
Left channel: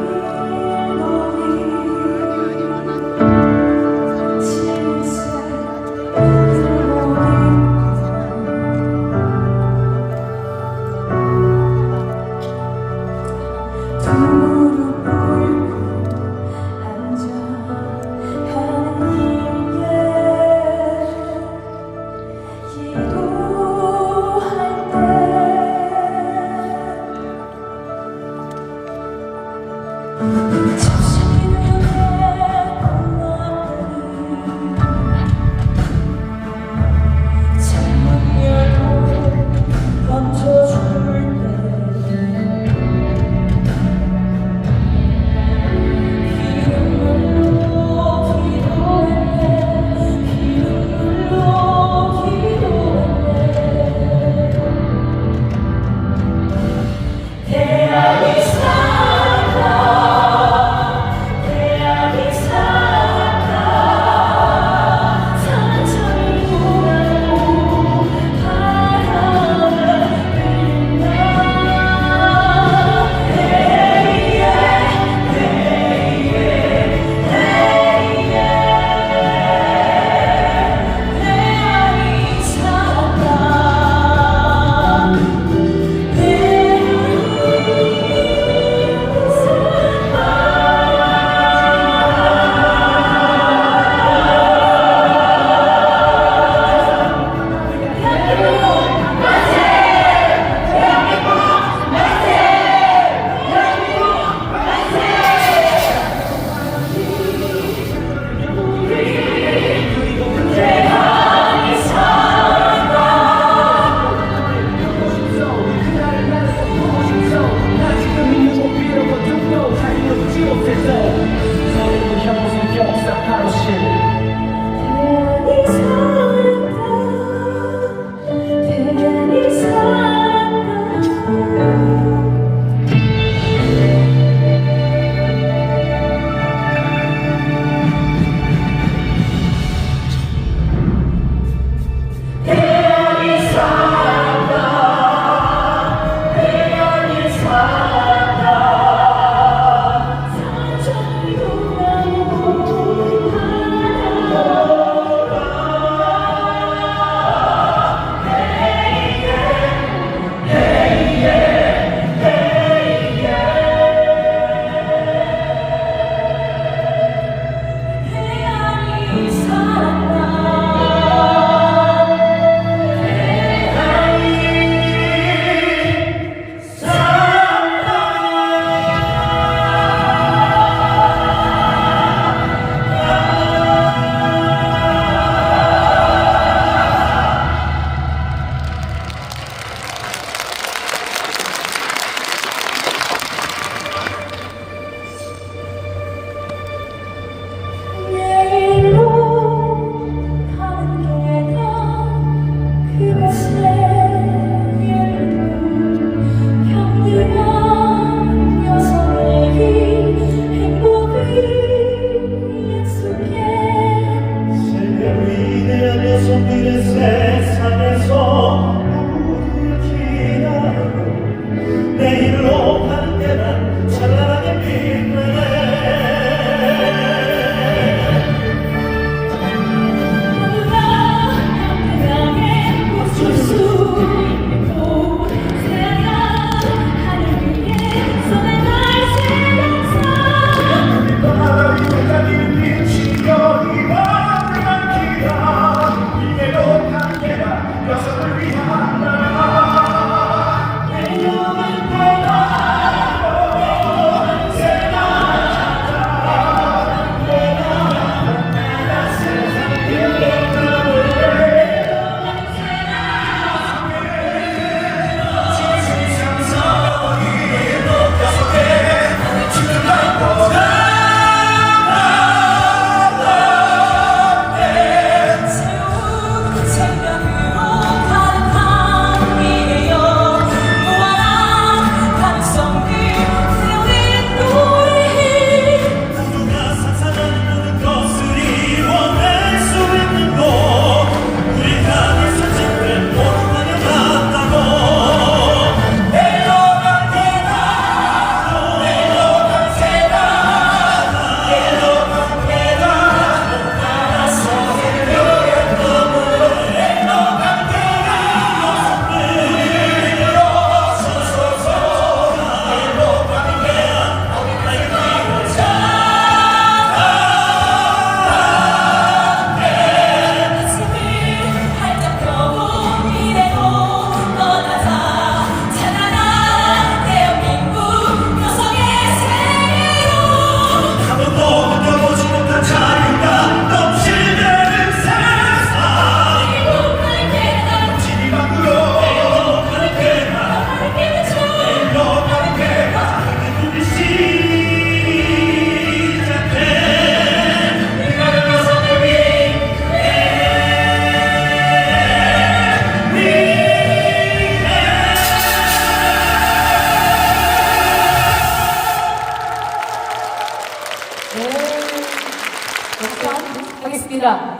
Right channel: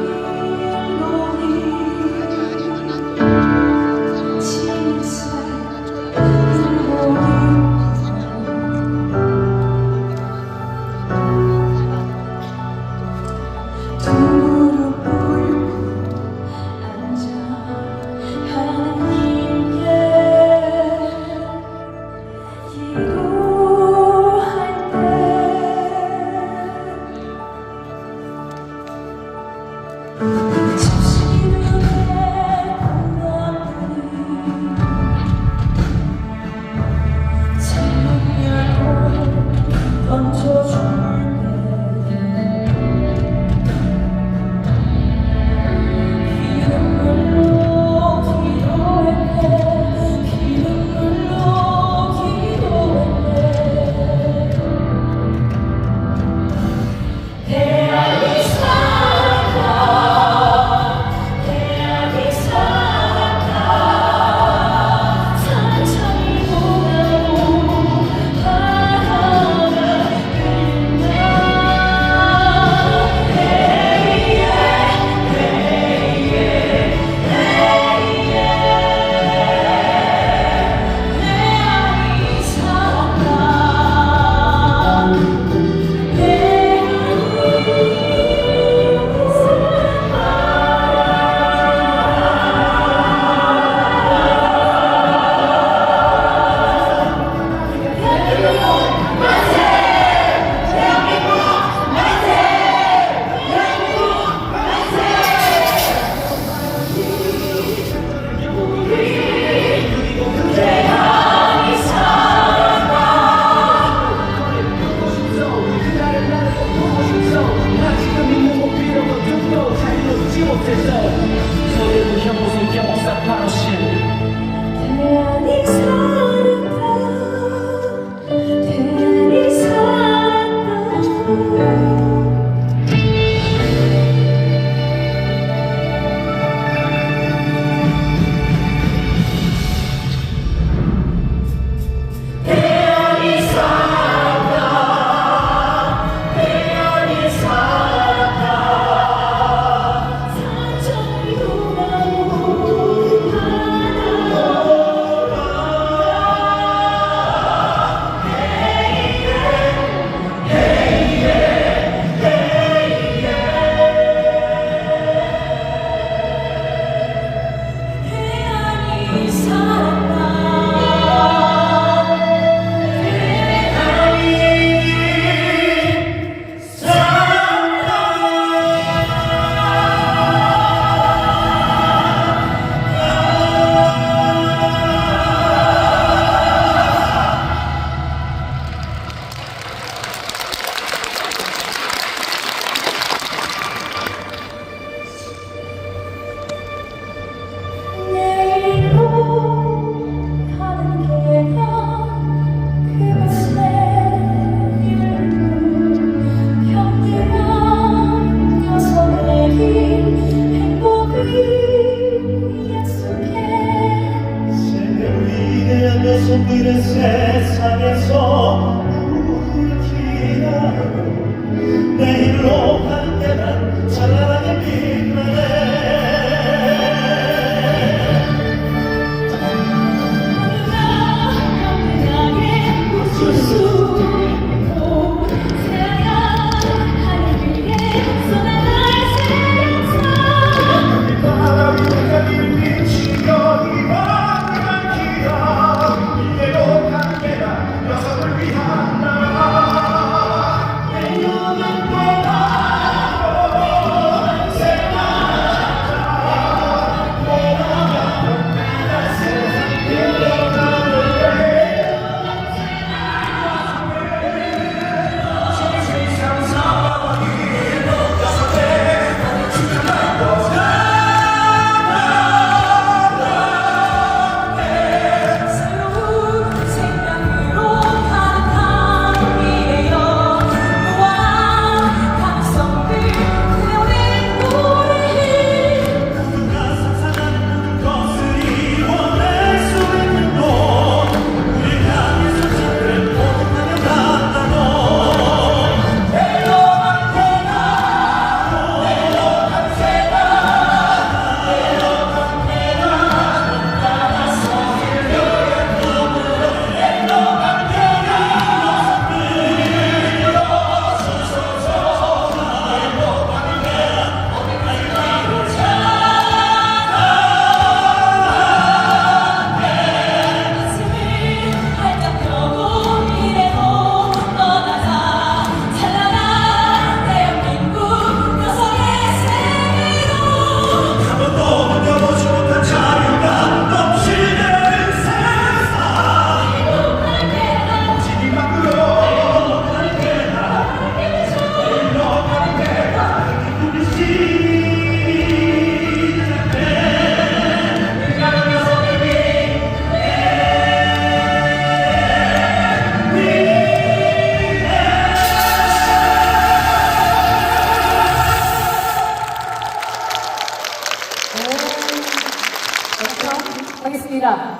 부르겠습니다.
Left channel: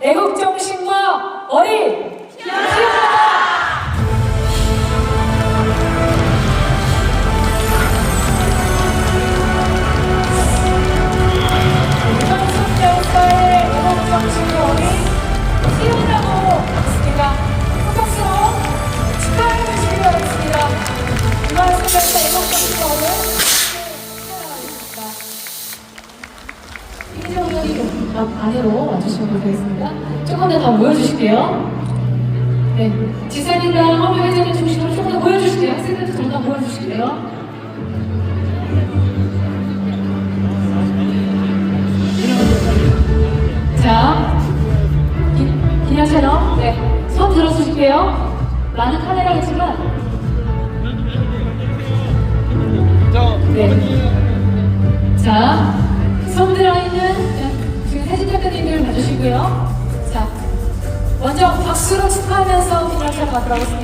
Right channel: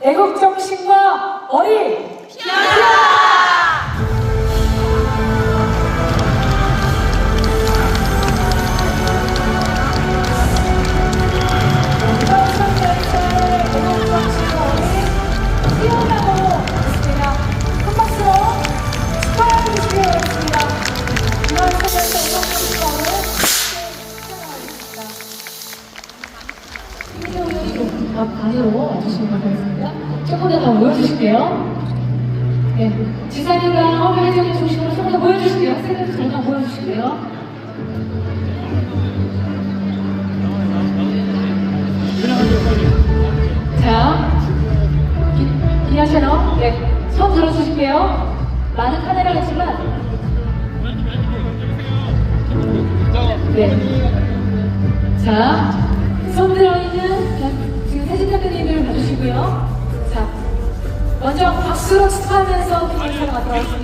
애국정신과 어리! 안으로 와주시면 되겠습니다. 조금만 더 모여주실게요. 네, 지사님과 화면회장님 중심으로 좀 더 모여주실게요. 세대도 좀 더 모여주실게요. 자, 기념처럼 네, 손 들어주실게요. 많은 카메라가 있지만 네. 자, 손 들어있는 지금 태진 대표님들 봐주시고요. 자, 먼저 박수로 축하하면서 기념처럼 가도록 하겠습니다.